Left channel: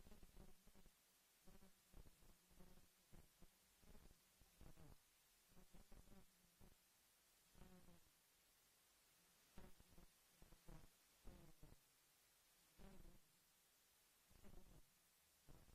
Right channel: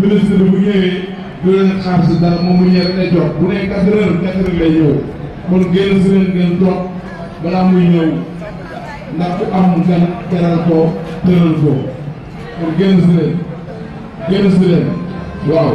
ministre bu ñëwee du leen xaar si dara moom mu ñëw rek lay toog bu ne 4 heures lay ñëw kon génn si leen ngeen toog balaa muy ñëw ndax ku am gan teral ko tëral ko kon génn si leen waaw.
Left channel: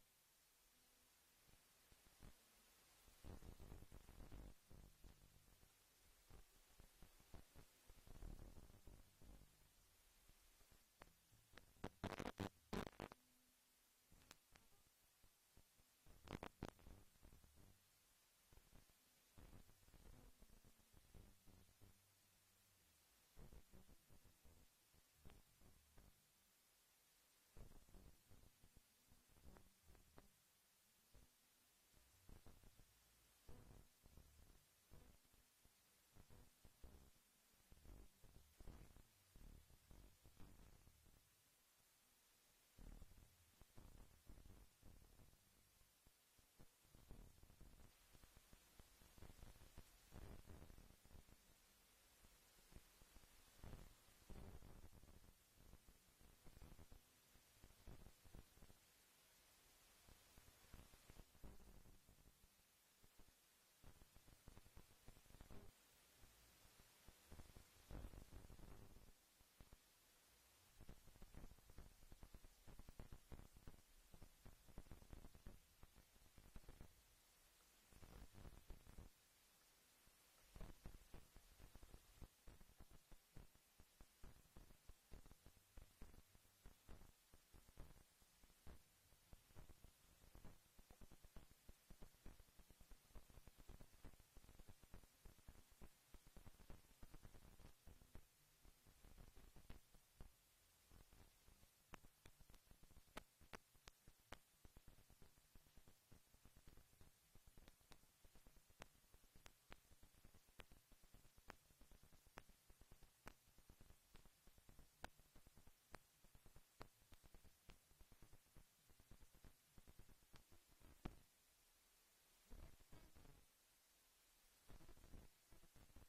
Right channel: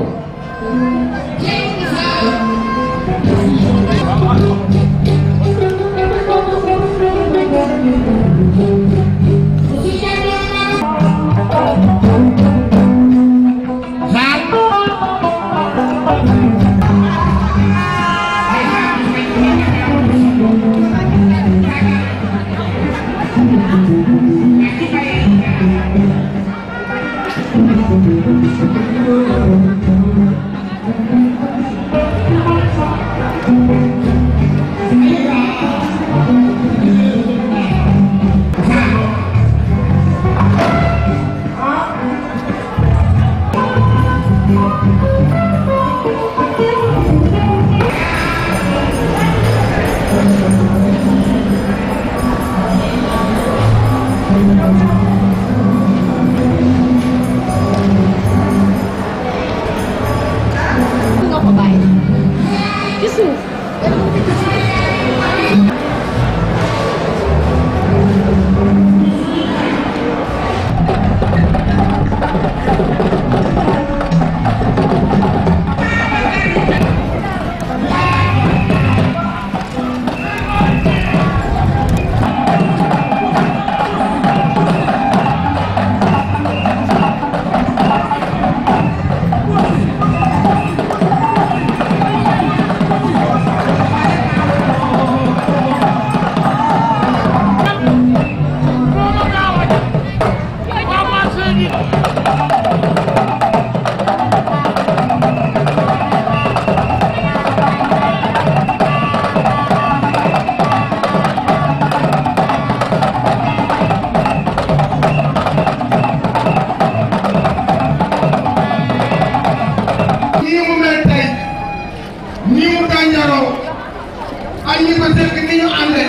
ay ñi ko sekk ni ñu ànde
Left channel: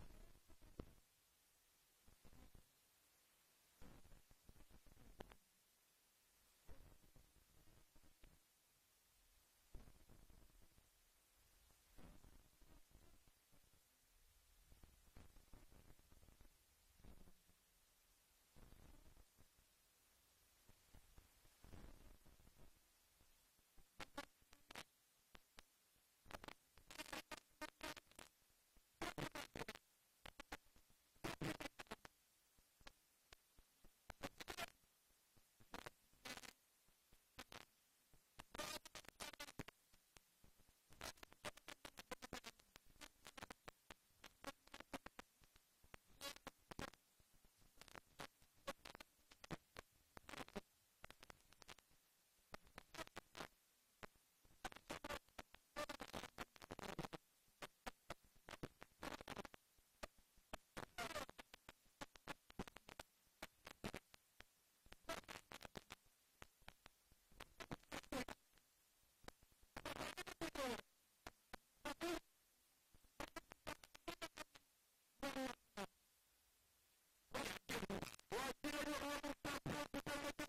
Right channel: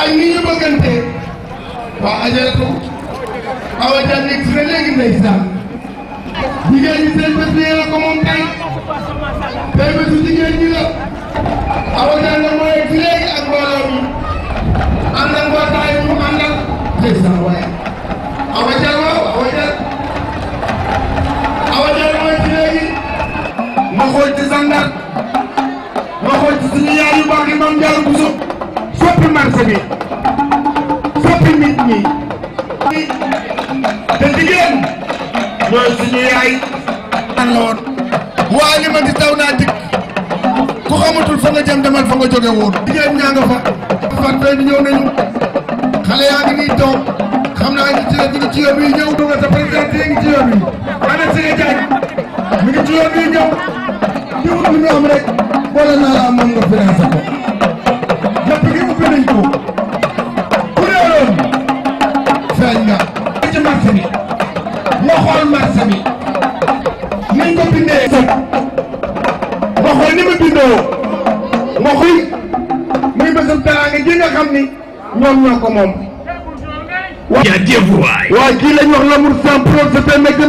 ay ni ñu bëggante waa ajaratu awa ja nekk si na léegi ndeysaan jigéen ñi seen bés la ko moom tey bésu jigéen ñi la awa ja la mooy ci léegi ak mbooloo mi ànd ak mbootaay mu àndal ndeysaan waaye awa ja waaw awa ja mooy ci léegi ma xool ci sandar ma xool ci suñu yaay yu baax yi Mame Diarra Bousso soppi marché bi soppi nit ñi te jigéen ñooy suñu yaay an la woon waa li ma di taw naa dikk ku xamatul fa nga jëm demal fa nga jóge woon jigéen ñaa nga fa fat fay bi ñëw nañu xale yaa ngi nii toog xam naa ngi ci yoon wi ñëw duga sa président ngi ci yoon wi ana Sege Diagne mi ngi ci yoon wi ñëw di wut lu ñu am rek boole naa la moom nga financé ko lépp gi ubbi nañ ko ku réeroon feeñ nga ci marché bi nga xool marché bi niñ ko bindee nga xool ni mu bindoo nga xool muy bésam teraanga ji nga xam ni ñoom ñoo ko moom waa kii lañ wax l'amour sans preuve c'est un mec de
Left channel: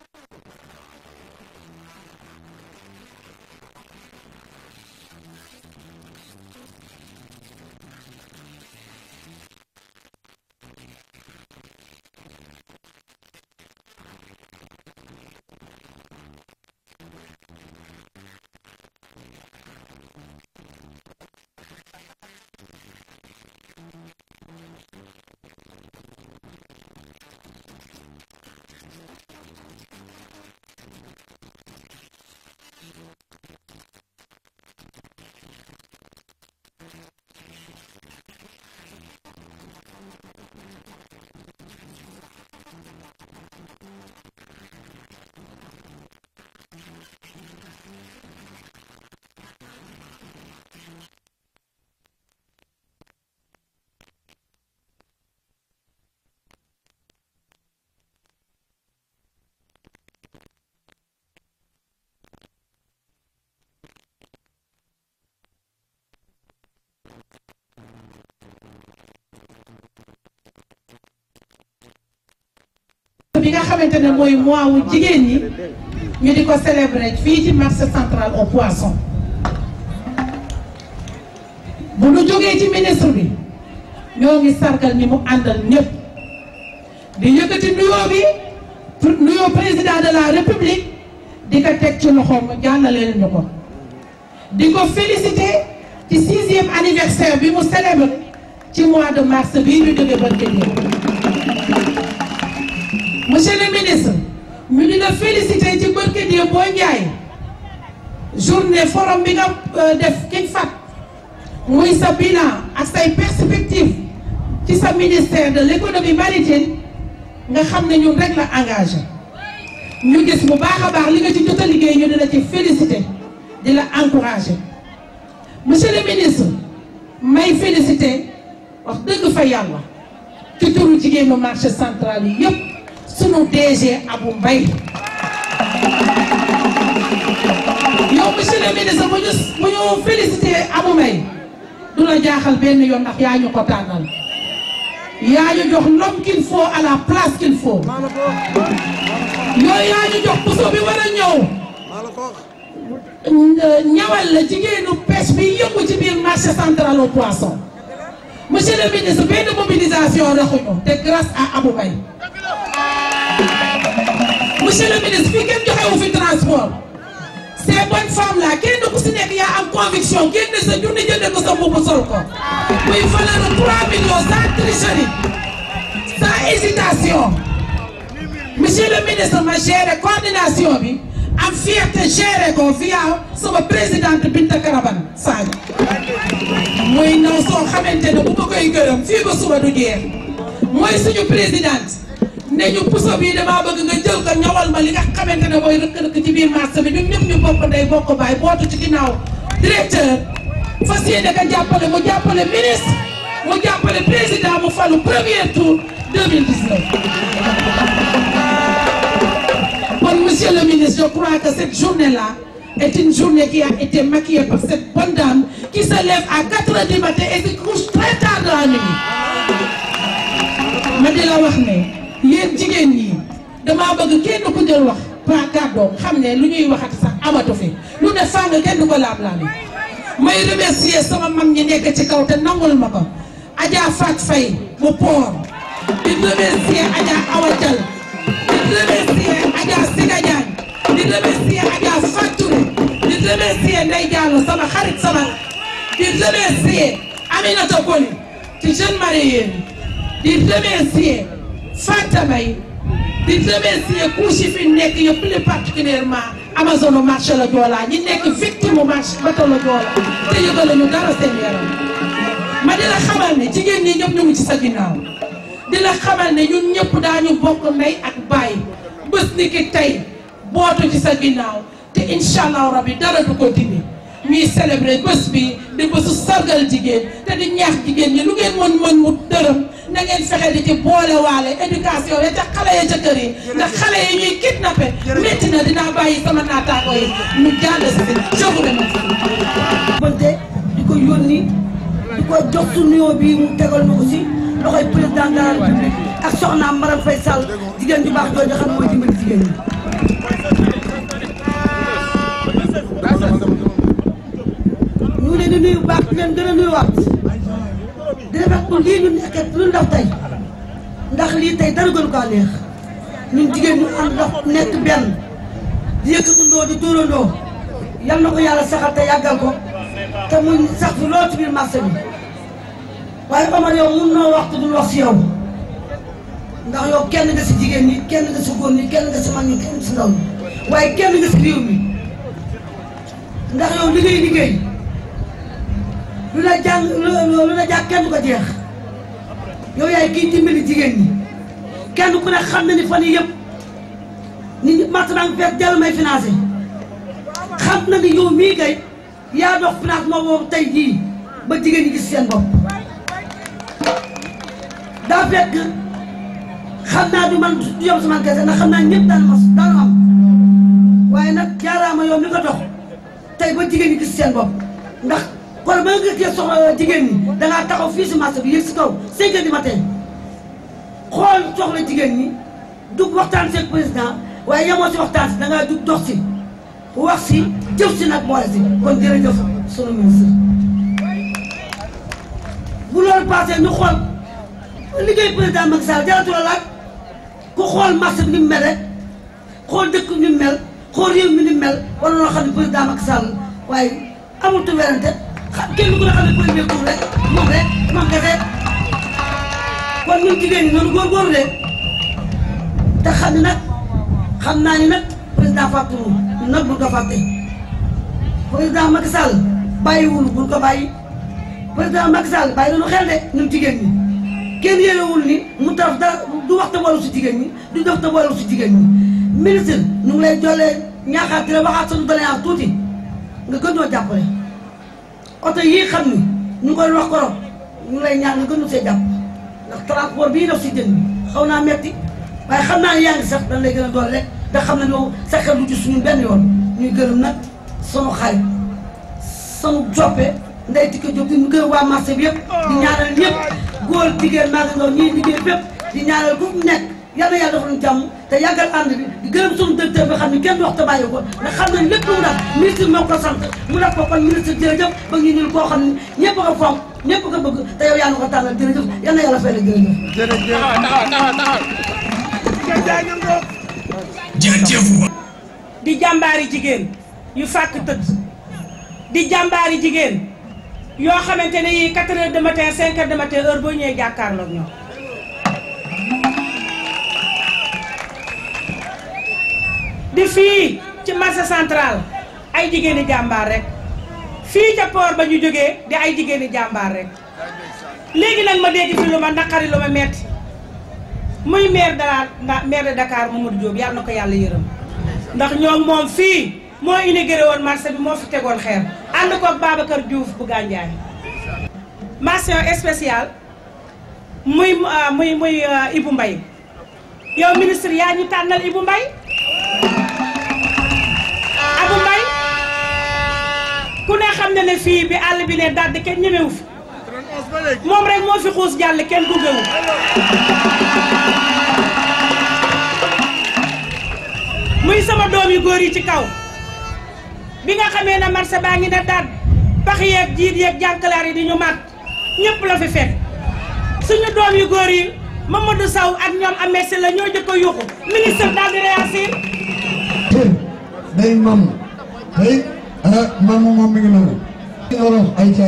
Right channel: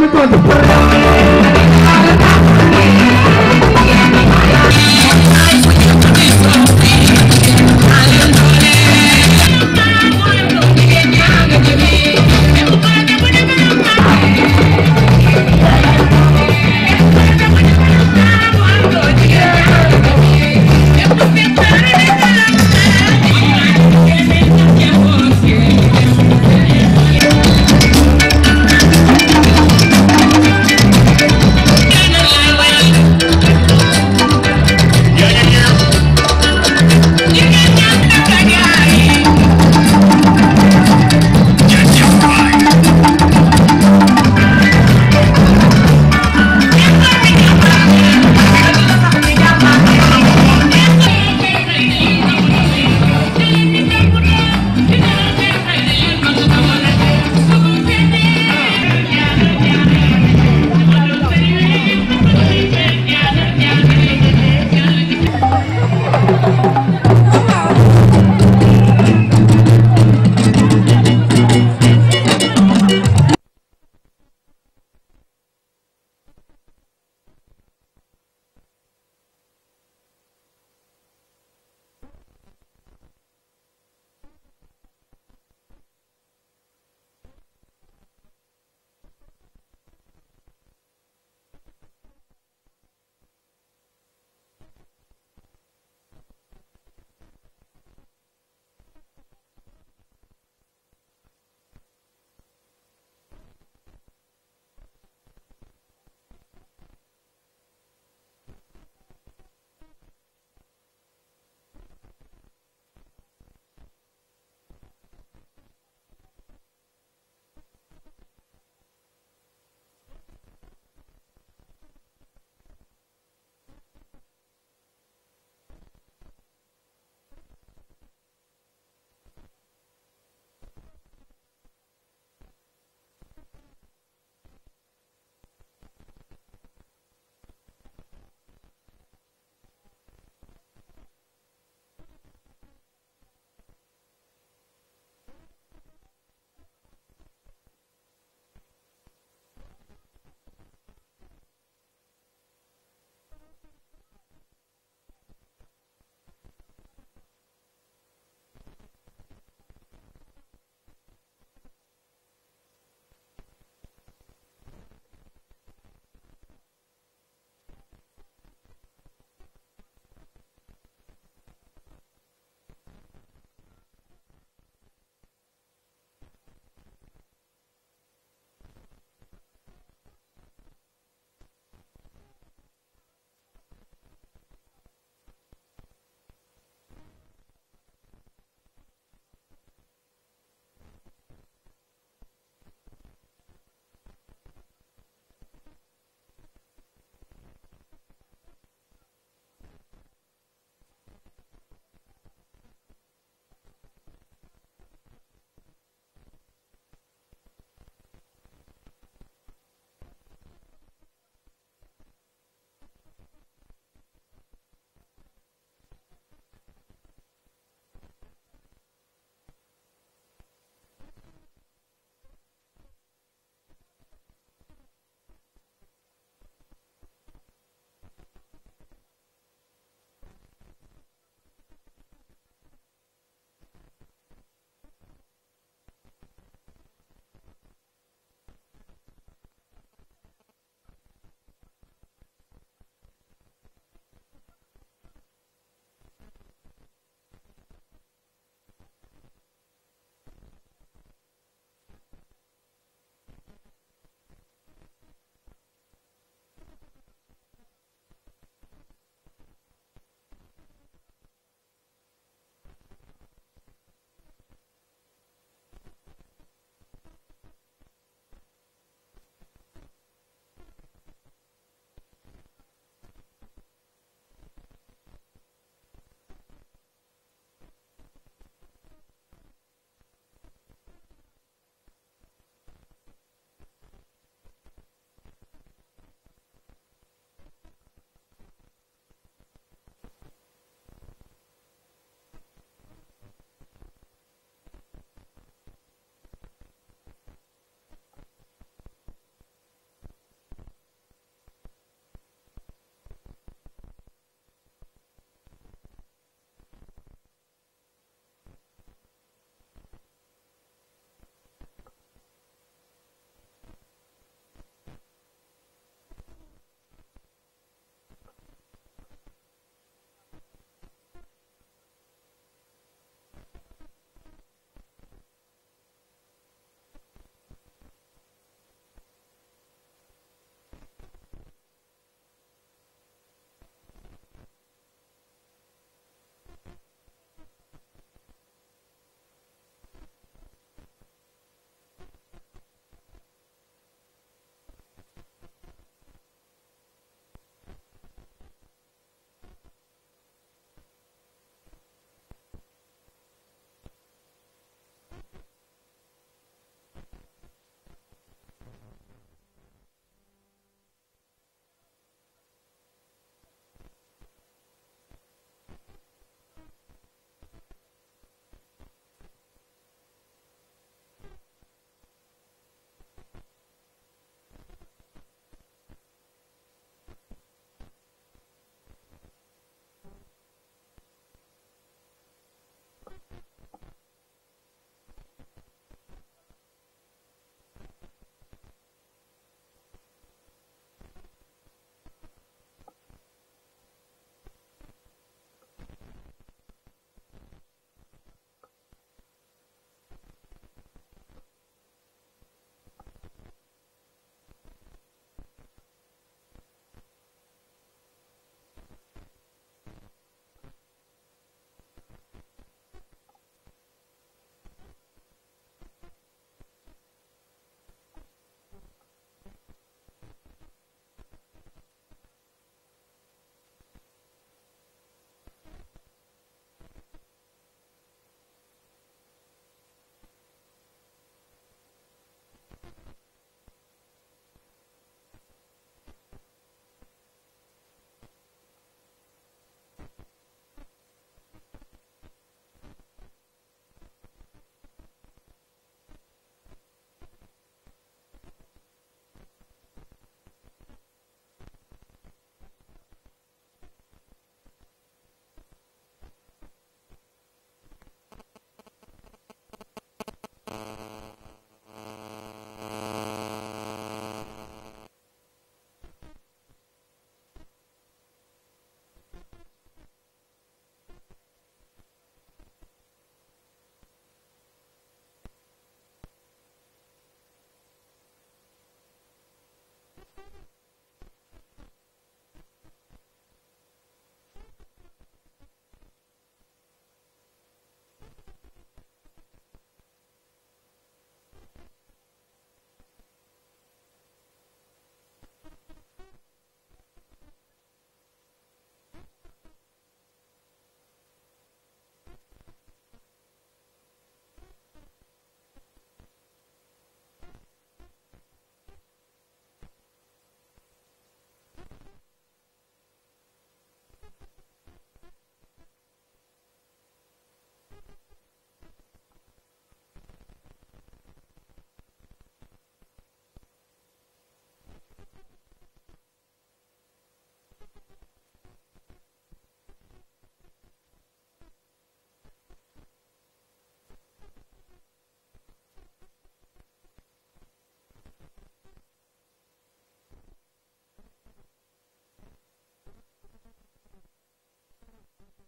ñu di ko célébrer fii ci marché central au poisson. bu nu jógee ci ministre bi ñoo ngi sargal ñi mu àndal ñëpp di yëkkati nuyoo président de la république di ko teg ci loxoom mu jàllaleel ñu ko. di ko féliciter ci 6e anniversaire bi mu célèbre ci mois de mars bii ñu jóge barke monsieur le ministre ñu di la féliciter ci barke boo njaay journée forum bi nga def King Fahd muy sa bilan ak say perspective ci sa ministère de l'économie maritime nga xam ne ñun rek la engagé ñu gis bu baax a baax li nga ci jot a liggéey ñu di la ci féliciter di la encourager monsieur le ministre may féliciter wax dëgg fa yàlla ci turu jigéenu marché central yi yëpp sunu DG Abou Mbaye yow monsieur le ministre bu ñu féliciter Abou Mbaye du la jaaxal benn yoon ndax yaa ñu ko tànnal yaa ñu jox l'homme qu'il faut à la place qu'il faut yooyu yaa ñu jox puso bi war a ñëw ñawal la jigéenu pêche bi yëngu ci biir marché central au poisson monsieur le ministre benn mobilisation raxuñu te grâce à Abou Mbaye monsieur le ministre fii kenn joxewu fi transport ces bonnes femmes là kenn ku si nekk yaa am conviction génn sa junni jënd ko sa mbubb sol ko muy valeur 3 millions sans tricherie sans hésitation monsieur le ministre ma géré coordination bi am fierté géré ko via sama présidente Binta Karaban Sadio muy naw soo xamante ne bu ma koy gërëm fii ba suba du jeex mooy suñu présidente ne ñu puso bii damaa bëgg nga jël ko ñawal ma li nga xamante ne mooy rëkk-rëkk ci biir marché bi ñun ñëpp ñu bokk ndey bokk baay bootu ci ginnaaw directeur fas yéene ka jàppale mu jàppale ministre mu jàppale président mu falu premier tour 2019. Bon, monsieur le ministre, je crois que cette journée-là est une journée qui a été maquillée par cette bonne dame qui se lève à 4 heures du matin et se couche très tard dans la nuit. ma di la wax ne yéen jigéen ñi damaa bëgg kenn ku jël wax pas kàddoom xam ne lu ñuy waxati sax amatu fi lu ne fàng kenn du ko laam-laami may remercier sama mag ñi nekk ci kaw te nangul ma ko Adja Fat Faye bu Port di remercier Adja Awa Dial di remercier Adja Siga Diagne di remercier Adja Fatou di remercier Ndeye Diallo sama xarit sama di remercier Aminata Koli ci jeune marié di remercier Fanta Bay di remercier couche fi nekk yëpp plus particulièrement Amazon marché la Joola ñi nekk victime marché bateau la Joola te yëgal ñu dara seen yaram ma di la xamal ne jigéen ñi ñëpp ñu ngi ci sa ginnaaw di la xamal ne ñun ñëpp daañu bokk ndey ak baay bés ni ki tey bootu ci sa ginnaaw te incha allah rabbi dara du ko dindi ñuy célébrer bés bi di bésu sargal jigéen te di ñaax jigéen ñi lu ngeen mën mu dërëm na ngeen fexe di ci boole waale éducation ya ca xale ya ca kër yi ndax xale yi ñuy kidnappé métti na dinaa bàyyi sama naataango yi ñu jàll si je vous remercie. di ko yónni di ko jox su nuyoo bi mu tegal na aussi loxoy président de la République ak soxnaam Marème Faye Sall jigéen ju baax jooju xam mooy dimbali jigéen ñi. ñu ngi leen di nuyu baax di leen gën a nuyuwaat di rafetlu lii ñu nekkee lu ndaw tey ndax lii tey dara gënu kaa neex ñun jigéen ñu ànd ndox nekk benn di yëkkatundoo di dóorandoo yal na ko yàlla saxal te yàggal ko te muy sax fi loolu ci biir marché bi waaye Omar yow mun noo wax te duñ wax si yow ndax yow kenn nga si jigéen ñi kenn nga si góor ñi kenn nga si mag ñi kenn si ndaw ñi waaye kenn nga si réew mi ndax yow liggéey lu la jàng kenn du ko jeex yow yaay kii dimbali jigéen ñi kenn ku ne xam na ni fan yii yëpp nit ñi maintenant fekk jàll may financé xam na ni yow mii kay yaa dox financement boobu tey jii ba jigéen ñi gis seen bopp daa fekk xam naa du man du yom sama kese ndax xam naa ñëpp daanu am waaye nag jaaraama yow mi ko dox tey ba jigéen ñi gis seen bopp ndax kon ba nga gis soxla jigéen ñi dangaa taxaw fii si marché bi yëg si kaw 5 heures du matin xool soxla jigéen ñi dugg waxtaan seeg président waaye yemoo si waxtaan si da ngaa jug dox si wax si jëf si nag boole si kon jërëjëf sunu ministre. bu loolu passé ñu xool liggéey président Macky Sall jaratu la laaj ku xool marché bi ni mu mel rek xool dëkk ni mu mel xool réew mi ni mu mel wala loo xam ne président Macky Sall waaye amul tu werante kenn ku ne xam ne premier tour rek moom kese kon ñun jigéen ñi noonu góorgóorlu de te xam ne nag xam naa ni nag président fàttewul ñun nag buñ ko fàtte président Macky Sall bàyyiwul buñ ko bàyyi président Macky Sall bàyyi nañu xel de ñun jigéen ñi kenn yéenewul ni mu taraf dara du wax te boolu si jigéen ñi du def te boolu si jigéen ñi ministre ñu ngi lay jollee ñaaxaat di la waxaat sunu doléance tuuti nga gën ñoo jàppale oto yii xam ni ñu ngi koy wax korop ñu ngi lay ñaan nga gën ñu see jàpp ndax transport bii def si jën bi xaw naa metti waaye xam naa ne yaa ngi sax dañ lay gën a doole rek te xam na yow sa xel du ci suñu benn yoon ñuy gërëm nag sunu xarit sunu joppe Ndeye Tické Diop di ñu gërëm waa marché bi yëpp di ñaanal ñëpp góor jigéen maa ngi ndaw ñii liggéey fépp di ñaanal ku nekk yal na yàlla defal ñu jàmm te yàggal ànd bi di gërëm sunu directeur bi xam ne kenn wax te bàyyi ko ndax xam nañ lépp lu mu def ministre moo ko sant mu def ko kon ministre jërëjëf ba ñu ñul koo xam ne ñëpp ko fonk ñëpp ko bëgg te yow yaa ngi ko tànnal jërëjëf yal na yàlla fay la jërëjëf. di jàmbaari jigéen yu fàkk tëdd di jàmbaari jigéen yoo xamante ne yii 4 heures de matin 5 heures de matin heure boo ñëwee jàkkaarloog ñoom di fii ci marché central ay jigéeni jàmbaar rek fii ca port ba ñu jógee di ay jigéeni jàmbaar rek léegi nag ma dégg fi lu ma naqari lu ma metti muy maire de Dakar Mamadou Diop yàlla na ko yàlla yërëm ndax ñoom moom fii moo inauguré woon marché bi moo fi tegoon xeer ànd koog Babacar Diouf bu Gandiaye mention spéciale muy Ibou Mbaye yow ministre yaa ñu tànnal Ibou Mbaye Abou Mbaye ku ne xam ne fii bi àll bi ne dadd kenn ñemewu fi moom rek moo fi xuus jàll kenn gungewu muy sama doom yu góor yi ci kaw bi nga xamee ne marché baa ngi ne dadd pax yeeg jiit yeeg jànkalaar yi di ñu mat ñëpp la fi fekk suñu doom yu góor yi Mamadou Sow ak ñoom amee la ñoo jëkk a yuuxu ministre daal di réagir day mam day mam moom mi ngi noonu olof ay ca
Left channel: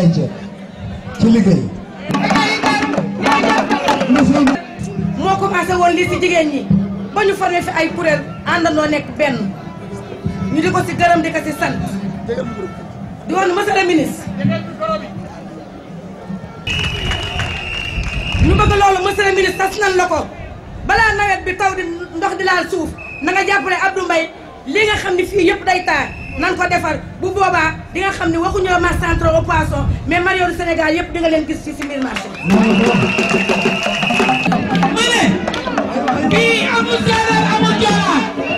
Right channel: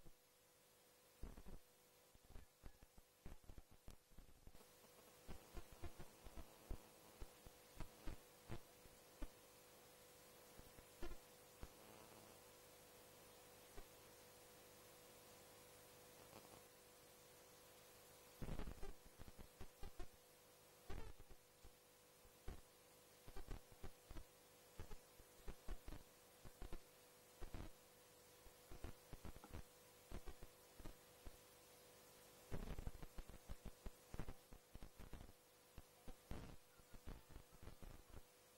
ci liggéey moo commencé woon lii si jigéen ñi ba ñu formé fi ay kuréel àndandoo nekk benn ñu di ko si gërëm di ko si sant di woon monsieur le ministre ñu bëgg loolu monsieur le ministre tas nan la ko balaa nawet bi taw di ndox di laal suuf na nga jàppale Abdou Mbaye li nga xam ne fii yëpp day taar nan ko defar bu boobaa di nga xam ne waxuñu la marché central au poisson mais Mario du Sénégal yëpp di nga leen gis ci si biir marché ma ne bii amul séeréer amul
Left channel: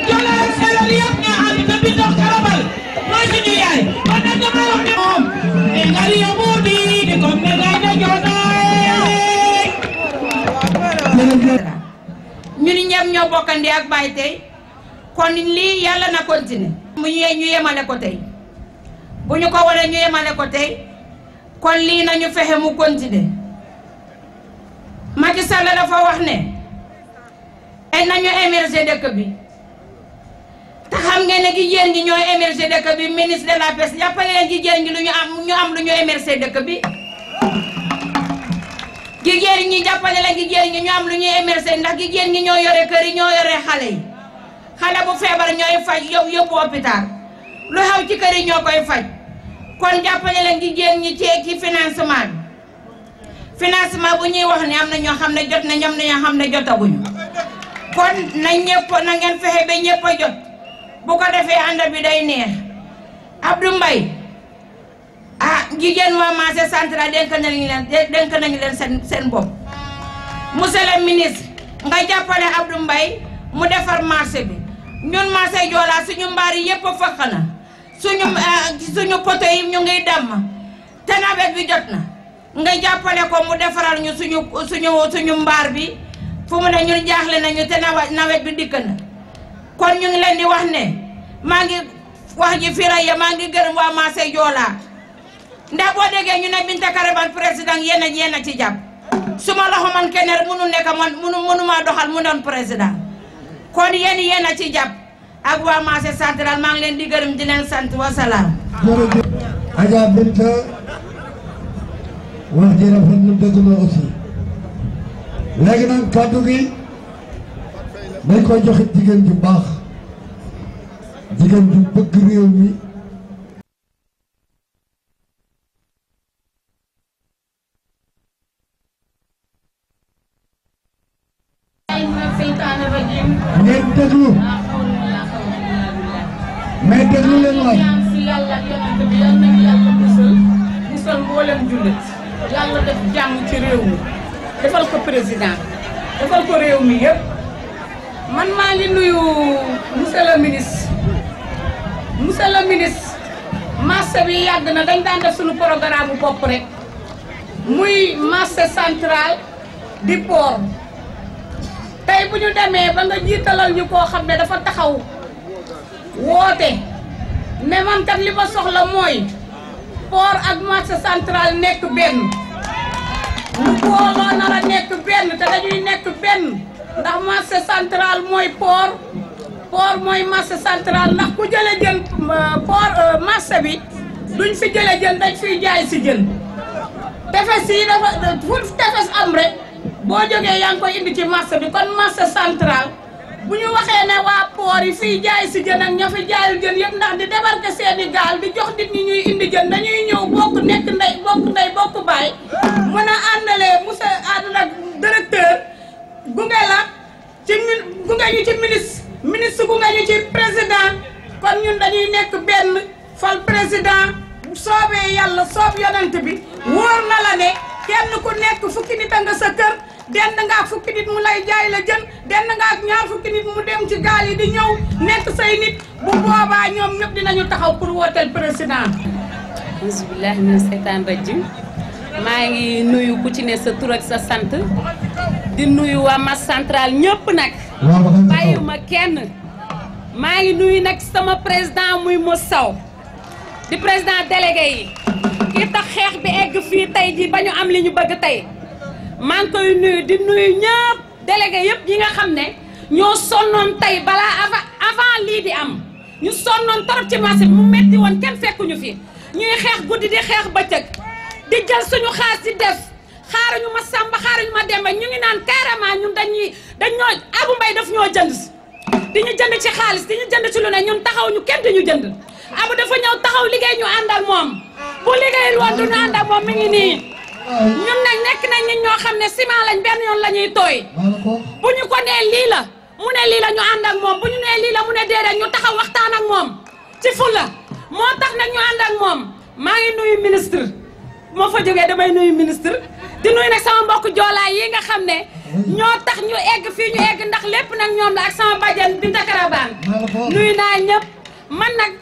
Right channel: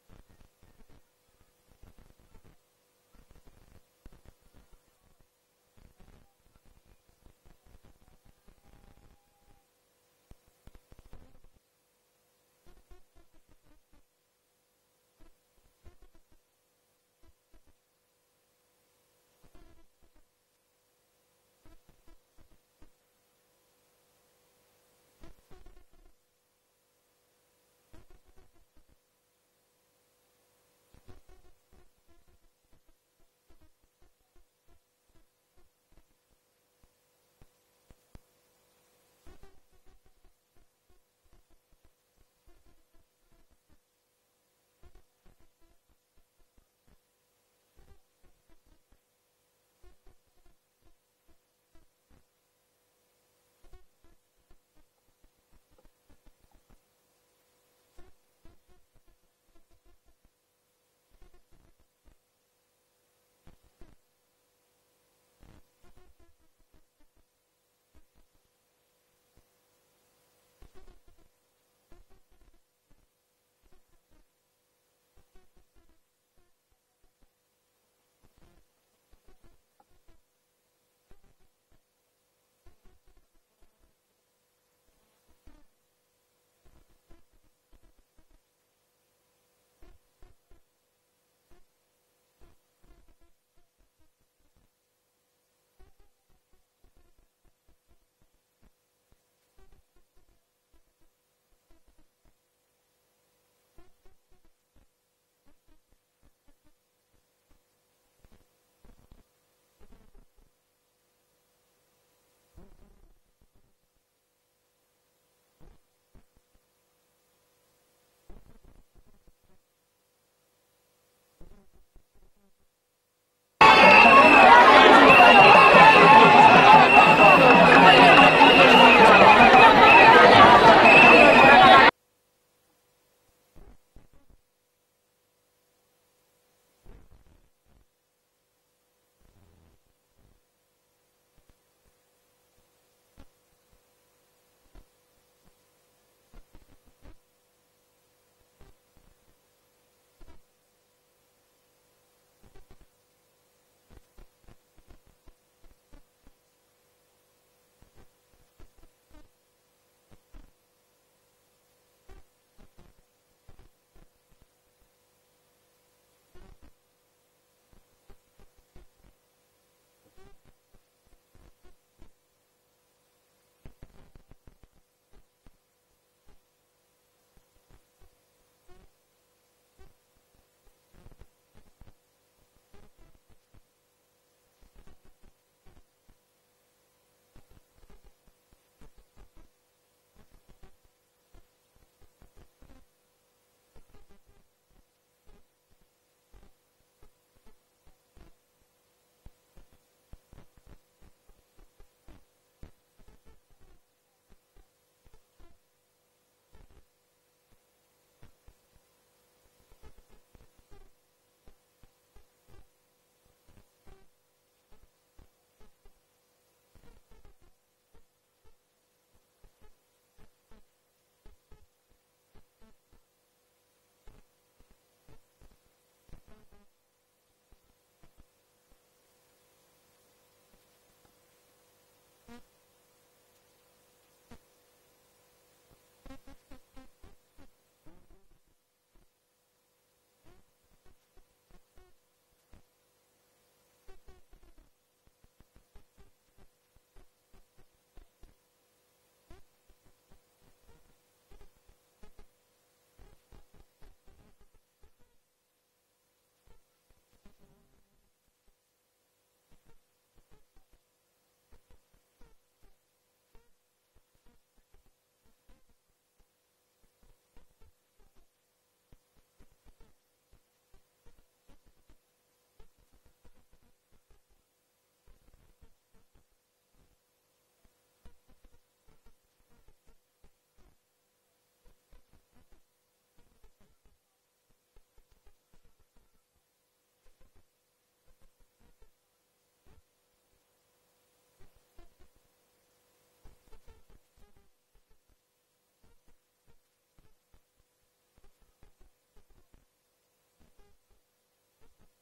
jola séeréer yëpp ñoo ànd te bi ndox karabal mooy suñu yaay kon nag dama wax ne moom e ngari yomu di comme ne ngay na joonaay ñun ñëpp ñoo bokkandi ak Baye tey kon lii yàlla na continuer mu ñu yemale ko tey bu ñu ko waree ñu yemale ko tey kon lii nañu fexe mu continuer Macky Sall dafa wax ne ay nañu émerger dëkk bi te xam ngeen ne jigéen ñi ñooy émerger dëkk bi ministre de la pêche jàppale leen jigéen ñi lu ñu am lu ñu émerger dëkk bi jigéen ñi jàppale leen jigéen ñi ñu am lu ñuy émerger ndax jigéen ñi ñoo yore kër yi ñoo yore xale yi xale bu feebar ñooy faj yow yóbbu hôpital lu xew ci kër yi ñoo koy faj kon jàppale leen jigéen ñi ci financement bi financement bu ñuy wax ne am na ñoo xam ne jot na ñam na ñoo xam ne jotaguñu kon na ñëpp na ngeen fexe ba ñëpp a jot bu ko defee ànd bi day neex Abdou Mbaye jigéen waa marché central dénk nañu leen seen bopp monsieur le ministre nga jàppale Abdou Mbaye mu defar marché bi ñun marché Joola suñu mbaar yi yëpp fëkk na suñu poto yi ñu ngi damm te nawet bi jot na nga jàppale ko mu defaral ñu suñu mbaar bi fu mu ne ñun jaaxle nañu te nawet bi dikk na kon ñu ngi leen di wax ne maa ngi wax ji Firaya maa ngi gërëm waa Massé Joola ndax boo déggee ñu ne Binta Karaban président yéen a ci jàpp suma loxo man kenn mënu nekk man mënu maa doxal mu doon président kon yéen a ci jàpp ak waa Massé central maa ngi leen di gërëm di leen sant wasalaam. jërëjëf Adja Binta wax ji rafet na dëgg la aussi léegi nag kàddu gi dañ koy joxe jigéen ju baax jigéen ju bëgg réew mi. ngeen déglu mais déglu leen waay. yàlla ak yonent bi yal nañu yàlla musal mboolem jullit yàlla def jàmm ci réew mi defal ko président defal ko réew mi yëpp man maa ngi nuyu monsieur le ministre marché bi yàgg na dañ daan def suñu programme bu bopp rek muy marché central di port tey bu ñu demee ba nga jiitalal ñu koo xam ne dafa taxaw woote ne man kat li ma soxla mooy port ak marché central nekk benn lu booloo nar a nekk benn te dañuy nekk benn ndax marché central mooy port mooy marché central ndax ku jële jën port marché bi duñ fi jële jën dañ fiy jaay si jën tefes yi dafa fu tefes am rek boo jógee yaa ngi koy indi ci marché bi kon marché central bu ñu waxee ne waa port yi fii jaay si jën ak ña fi jaayul jën yëpp ndax di débarquer seeni gaal di jox nit ñi ñuy indi jën dañuy ñëw bokk nekk ndey bokk baay mën a àndalee monsieur Aduna directeur gunge la ci gunge ñu ci ministre gunge ñu ci président kon ñun dañuy nekk benn fal président soobee yàlla soob yonent bi wóor na la ne kenn ku nekk fukki nit a nga sa kër dend nga ak fukki nit mu lay jaay la jën dend nga ak ñaar fukki nit mu dem ci gaal yi di ñëw nekk say nit bu boobaa ñoom ñëpp dinañu taxaw pour wooteel président. bismillahi mina seytaan rajim maa ngi nuyu ku ci ne sa tur ak sa sant di nuyu waa Massé central ñëpp nag bàyyiwuma kenn maa ngi nuyu nag sama président muy Moussa di président délégué yi ki tax xeex bi egg fii tey ji ba ñu am li ñu bëgg tey maa ngi koy nuyu di nuyu ñëpp délégué yëpp yi nga xam ne ñoo sonnoon tey balaa avant lii di am ñu sonnoon torop ci marché bi mu metti woon kenn fekkuñu fi ñuy xeex guddi di xeex bëccëg di jël suñu xaas di def xaaruñu ma Samba xaaruñu ma Demba ñu ngi naan carrément ñun dañoo Abou Mbaye daf ñoo jënd di ñu jënd ci xaalis di ñu jënd ci lu ne ñun taxaw ñu kenn di ñu jënd Abou dafa ñëw taxaw liggéey ñu ànd ak moom bu liggéeyul woon du ñu ànd ak moom mi ngi nii ñun nag nekk nañ nit ñoo xam ne ciment lañ benn yoon la ñuy tooy bu ñu ko nee lii la mu ne lii la ñu ànd ak moom bu ñu nee lii la mu ne déedéet ñu taxaw waxtaan ak moom ci fulla moo tax nag ñu ànd ak moom maa ngi nuyu ministre moo fa jógee damay nuyu ministre di nuyu nag sama mbokk joolaay yi nga xam ne ñoo tax ñu egg fii ñu egg ndax lépp nag ñoom la ak sama bàjjen Binta Karaban nuyu naa ñëpp man nag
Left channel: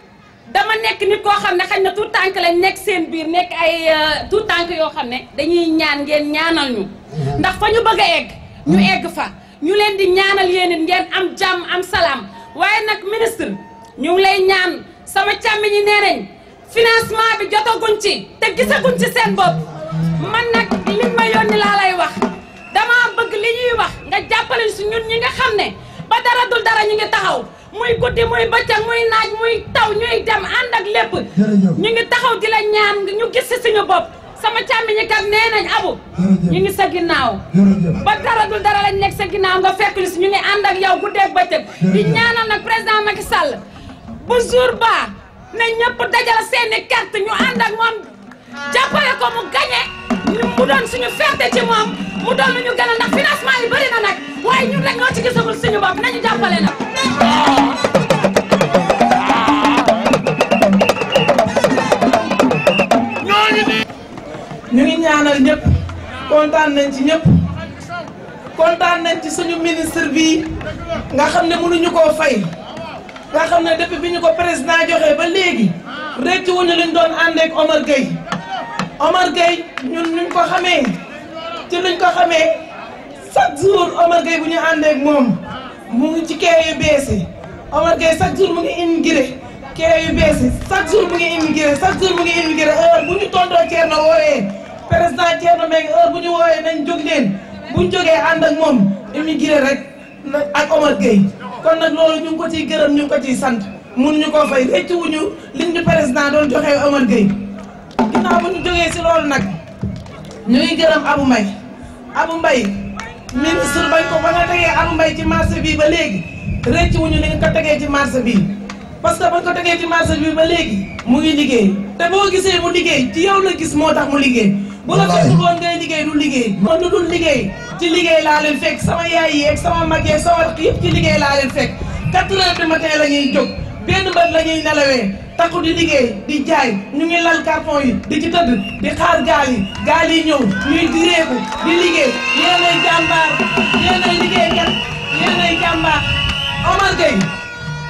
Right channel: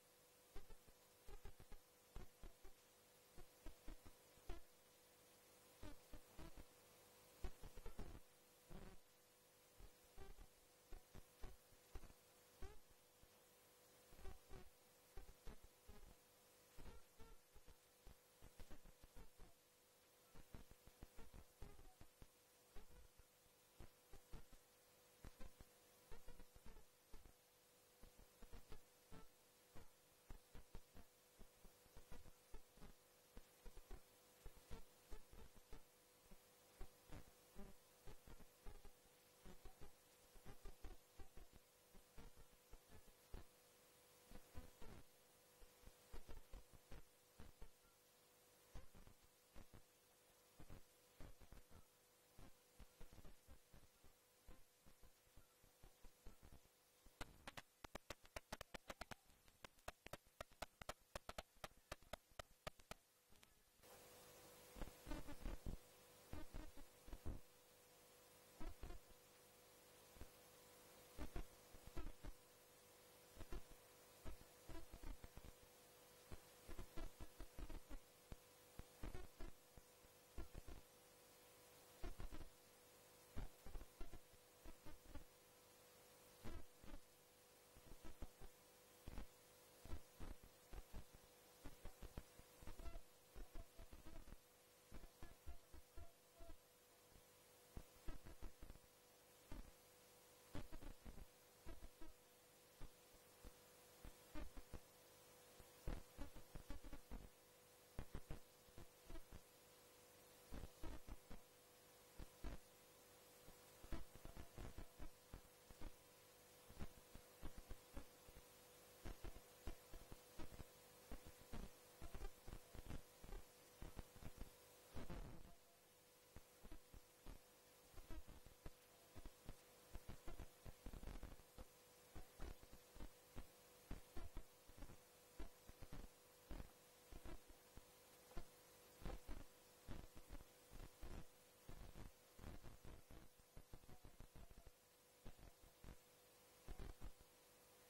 dama nekk nit koo xam ne xañ na tout tànk lañ nekk seen biir nekk ay tout tànk yoo xam ne dañuy ñaan ngeen ñaanal ñu ndax fa ñu bëgg a egg ñu egg fa ñu leen di ñaanal yéen it ngeen am jàmm am salaam waaye nag ministre ñu ngi lay ñaan sama càmmiñ ñi nee nañ financement bi jotaguñ ci te gisaguñ ci seen bopp man nag liñ ma yónni laa lay wax dama bëgg li ñuy wax nga jàppale si ñun ñi nga xam ne ba dara dul dara ñu ngi taxaw muy guddi muy bëccëg muy naaj muy taw ñuy dem ànd ak lépp ñu ngi taxaw di la ñaan ñu gis si suñu bopp sama càmmiñi kat nee nañ Abu ñu ngi sa ginnaaw ba dara dul dara lañ nekk sa ginnaaw nga fekk ñu si ñu ngi ànd ak yow guddeeg bëccëg di ñaanal nag président Macky Sall bu jour ba ne ñëpp dajal seeni carte ñu ànd ak moom jàppale ko mu gagné mu doon suñu fierté ci moom mu doon lu ñu gën a ndax financement yi bëri na nag waaye ñun rek ñoo ci gisagul suñu bopp nañu jàppale nag. ñu ngi ñaanal ñëpp kontaan nañ ci ñëpp kontaan nañ ci suñu ministre bi nga xam ne mënuñu koo fay nga xam ne depuis bi ñu ko président joxee ba léegi rëcc wuñu luñ doon ànd ak Omar Gueye ñun ñu ko xamee ci luñ ko xamee chaque jour Omar Gueye bu ñu ànd ak moom mu ngi ci kee yu bees yi Omar Gueye chaque jour mu ngi immigré kee yu bees yi chaque jour mu ngi immigré heure bu ñu tontoo Thierno wooyee président Thierno Mbengue heure bu ñu wooyee nañ jóg leen bu ñu jógee ànd ak moom immigré rek ak Omar Gueye kon nag loolu ñu ngi ko ciy gërëm ñu ngi ko ciy sant mënuñu koo fay rëcc wuñu liñ ñu président doon joxee Omar Gueye ginnaaw bu ñu jógee si loolu nag ñu ngi gërëm Abou Mbaye ministre bañ ko ba nga tegee Abou Mbaye ci marché bi ba léegi rëcc wuñu li nga ko tegee ci marché bi parce que bañ ko tegee ci marché bi ba léegi mu ngi liggéey te boo gisee mu liggéey ci yow la gis moo tax mu liggéey bu la fekk woon ngay liggéey du liggéey man lu dul liggéey ci liggéey laa leen fekk sama yaay yi ak sama mag yi sama rakk yëpp ci liggéey laa leen fekk 4 heures du matin la ñuy jóg benn bët la ñuy nelawee takku di liggéey di jaay ñu ngi lal carton yi di ci tëdd di xaar gaal yi ñëw ñuy direeku di liggéey yéenay jàmbaar yéenay liggéeykat yéenay jàmbaar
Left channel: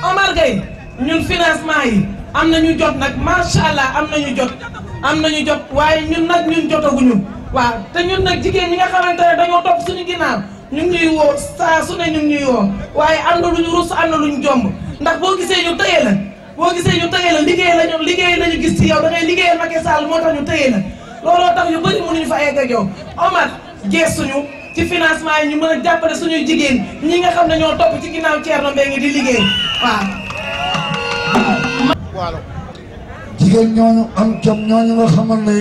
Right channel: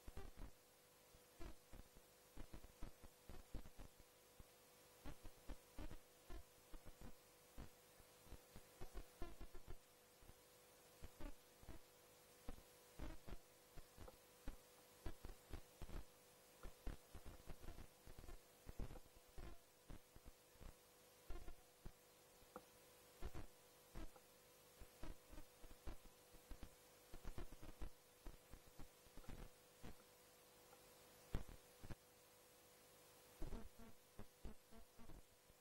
Omar Gueye ñun financement yi am nañu jot nag macha allah am nañu jot waaye ñun jotaguñu waaw te ñun nag jigéen ñi nga xamante ne dañoo topp suñu ginnaaw ñu ngi ñuy woo saa su ne ñu ngi ñuy woo waaye am na lu ñu rus am na lu ñu jomb ndax boo gisee ñu tëye la liggéey lañu gis ci yow da ngay liggéeyal Macky Sall moo tax ñu tëye la looloo tax yu bëri mënuñu fa egg ak yow Omar geesuñu ci financement yi ñu mën a jàppale suñuy jigéen ñi nga xam ne ñoo topp ci ginnaaw Thierno Mbengue di liggéey waaw. jigéen ñooñu am jom ñooñu nga xamal ne.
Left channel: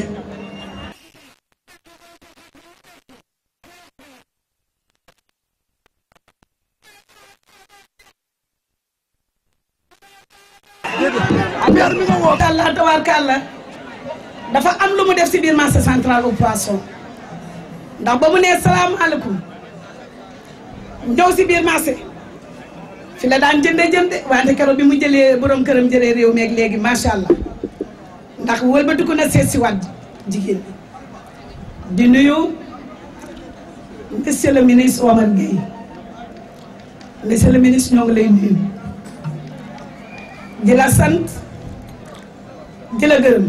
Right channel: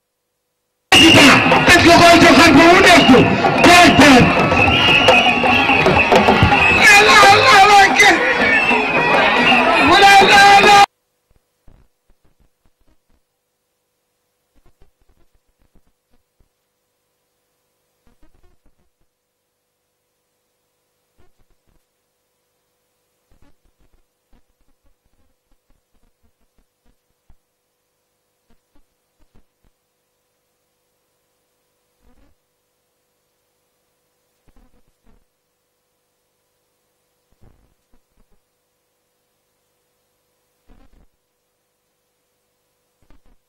est-ce que koy joxal ba mu nekk déedéet. Kalla tabaarkalla dafa am lu mu def si biir marché central au poisson ndax ba mu nee salaamaaleykum ñëw si biir marché fi la daan jënde wante keroog bi mu jëlee borom këram jëlee réew meeg léegi macha allah ndax wëlbatiku na seet si waat jigéen di nuyu monsieur le ministre Omar Gueye monsieur le ministre ñoo ngi lay nuyu di la sant di la gërëm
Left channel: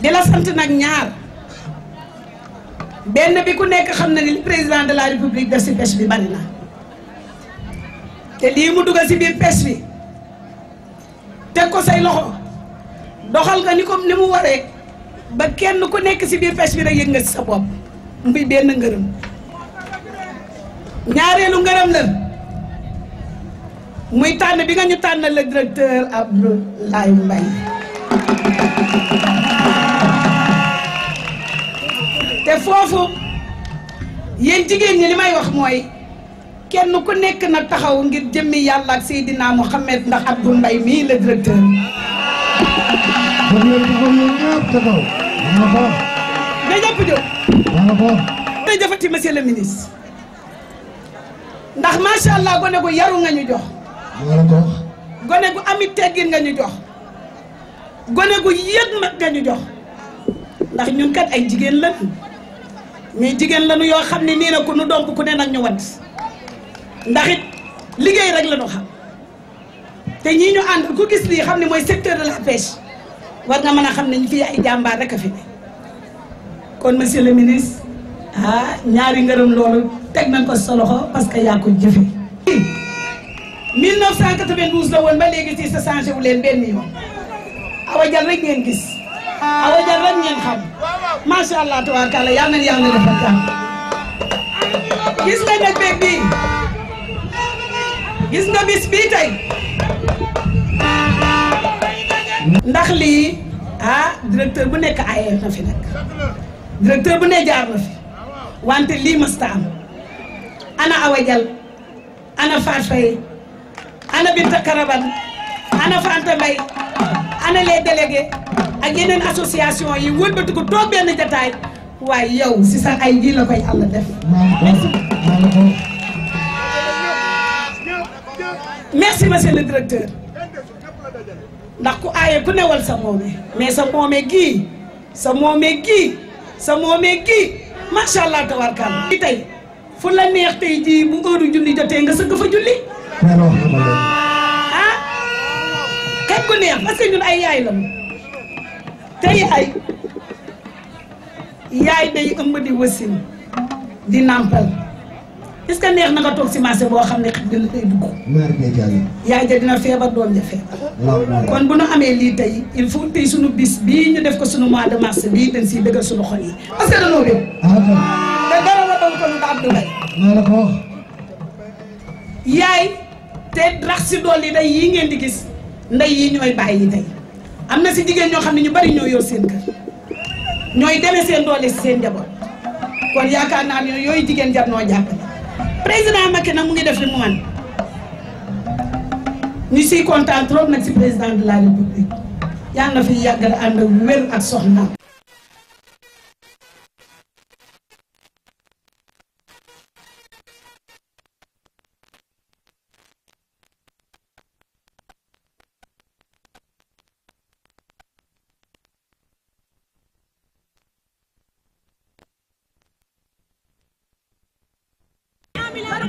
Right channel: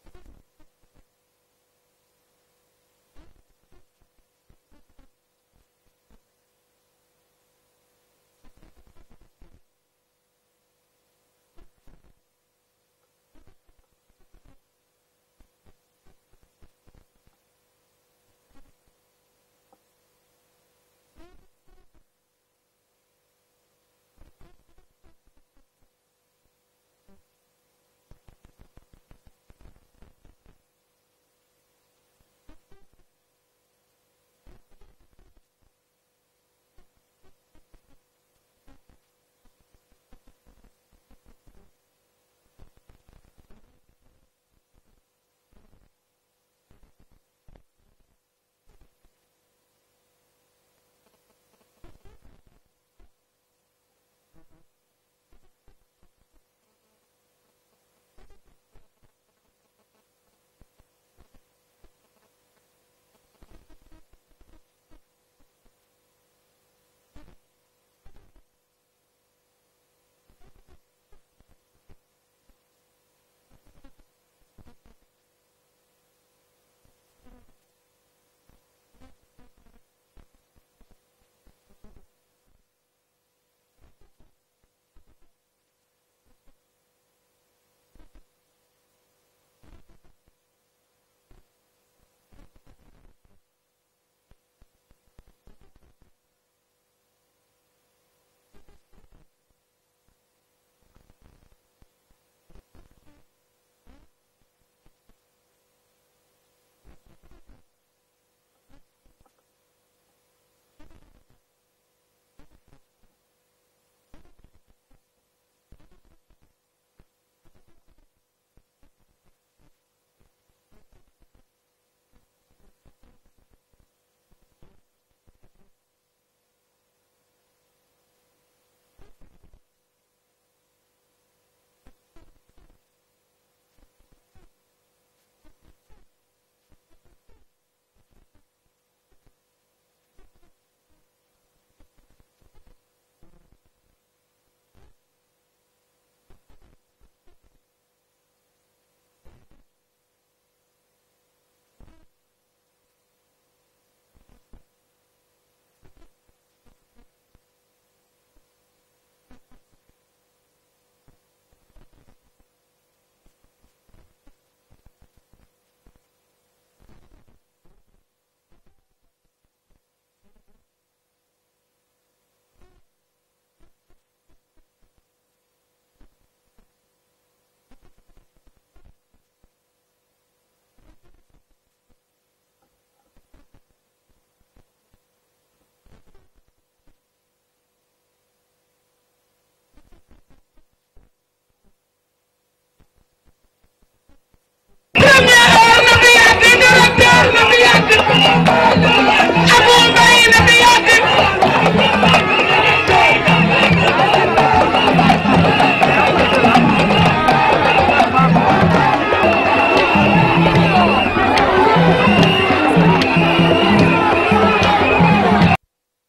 di la sant nag ñaar benn bi ku nekk xam na ni li président de la république def si pêche bi bari na te lii mu dugal si biir pêche bi teg ko say loxo doxal nga ni comme ni mu waree ba kenn ku nekk si biir pêche bi rek yëg nga si sa bopp muy benn ngërëm ñaareelu ngërëm la muy tànn bi nga ñu tànn le directeur Abdoulaye Mbaye te foofu yéen jigéen ñi li may wax mooy kenn ku nekk na taxaw ngir jëmmi yàlla ak Seydina Mouhamed ndax Abdou Mbaye mii le directeur. nga ñëpp jóg. jërëjëfati monsieur le ministre ndax macha allah gone gu yaru nga ñu jox. gone gu amit teggin nga ñu jox. gone gu yëg mag nga ñu jox ndax ñun kat ay jigéen lañu mais jigéen lañu yoo xam ne nii na ku nu domp ku ne nag ñu wat ndax it liggéey rek la ñu xam te ñii ñu ànd ku gis lii xam ne mooy secteur de la pêche war nga mën a xam ne ñu fii ay jàmbaar rek a fi ne kon monsieur le ministre ñaari ngërëm loolu teg nañ ko sa loxo parce que yaa ko jëfe 1992 la woon ba léegi ci sa changé wu leen benn yoon Awa Dial rek ngeen gis Awa Dial rek ngeen xam macha allah tabaarkalla yal na yàlla defal jàmm gis nga nag beeg bii gis nga bis bii tey ndax lii directeur bu nekk ayee na fi nag directeur bu ne jaar na fi wante lii mësta am ana Awa Dial ana Fatou Faye ana Binta Karaban ana Fanta Mbaye ana les délégués ak yeneen association yi wëlbati ko toog benn jataay waaye yow si sa ay ji la koy yàlla def merci monsieur le directeur ndax ku aaye ku newal sa moome mais sa moome gii sa moome gii macha allah tabarkalla tey fu la neex tey jii bu heure julli jotee nga sëgg fa julli kañ ko neex parce que ñun ay yaay la te yaay day ëmb di wasin di nàmpal est-ce que neex na nga toog si marché boo xam ne xet nga la tey dugg. yaay ja dina feebar doom ja feebar. kon bu nu amee lii tey il faut tey sunu bis bii ñu def ko sunu mois de mars bii dañ siy dëggal sunu xol yi parce que dañoo dem. te dara la doon ko nu Abdoulaye. yaay te rax si dool yi day yii ngeen di gis ndey yi ñooy bàyyi yi tey am na si jigéen ñoo xam ne ñu bari ñoo yor seen kër ñooy demee seen doole si seen njaboot kon yaakaar naa ne yooyu jigéen jar noo jàppale. président Macky nag mu ngi def li mu man ñu siy kontaan trop nag si président de la république yàlla na fi yàggal ànd ak wér ak soxna. premier heure na fi yàgg directeur na fi yàgg Abou Mbaye na fi yàgg.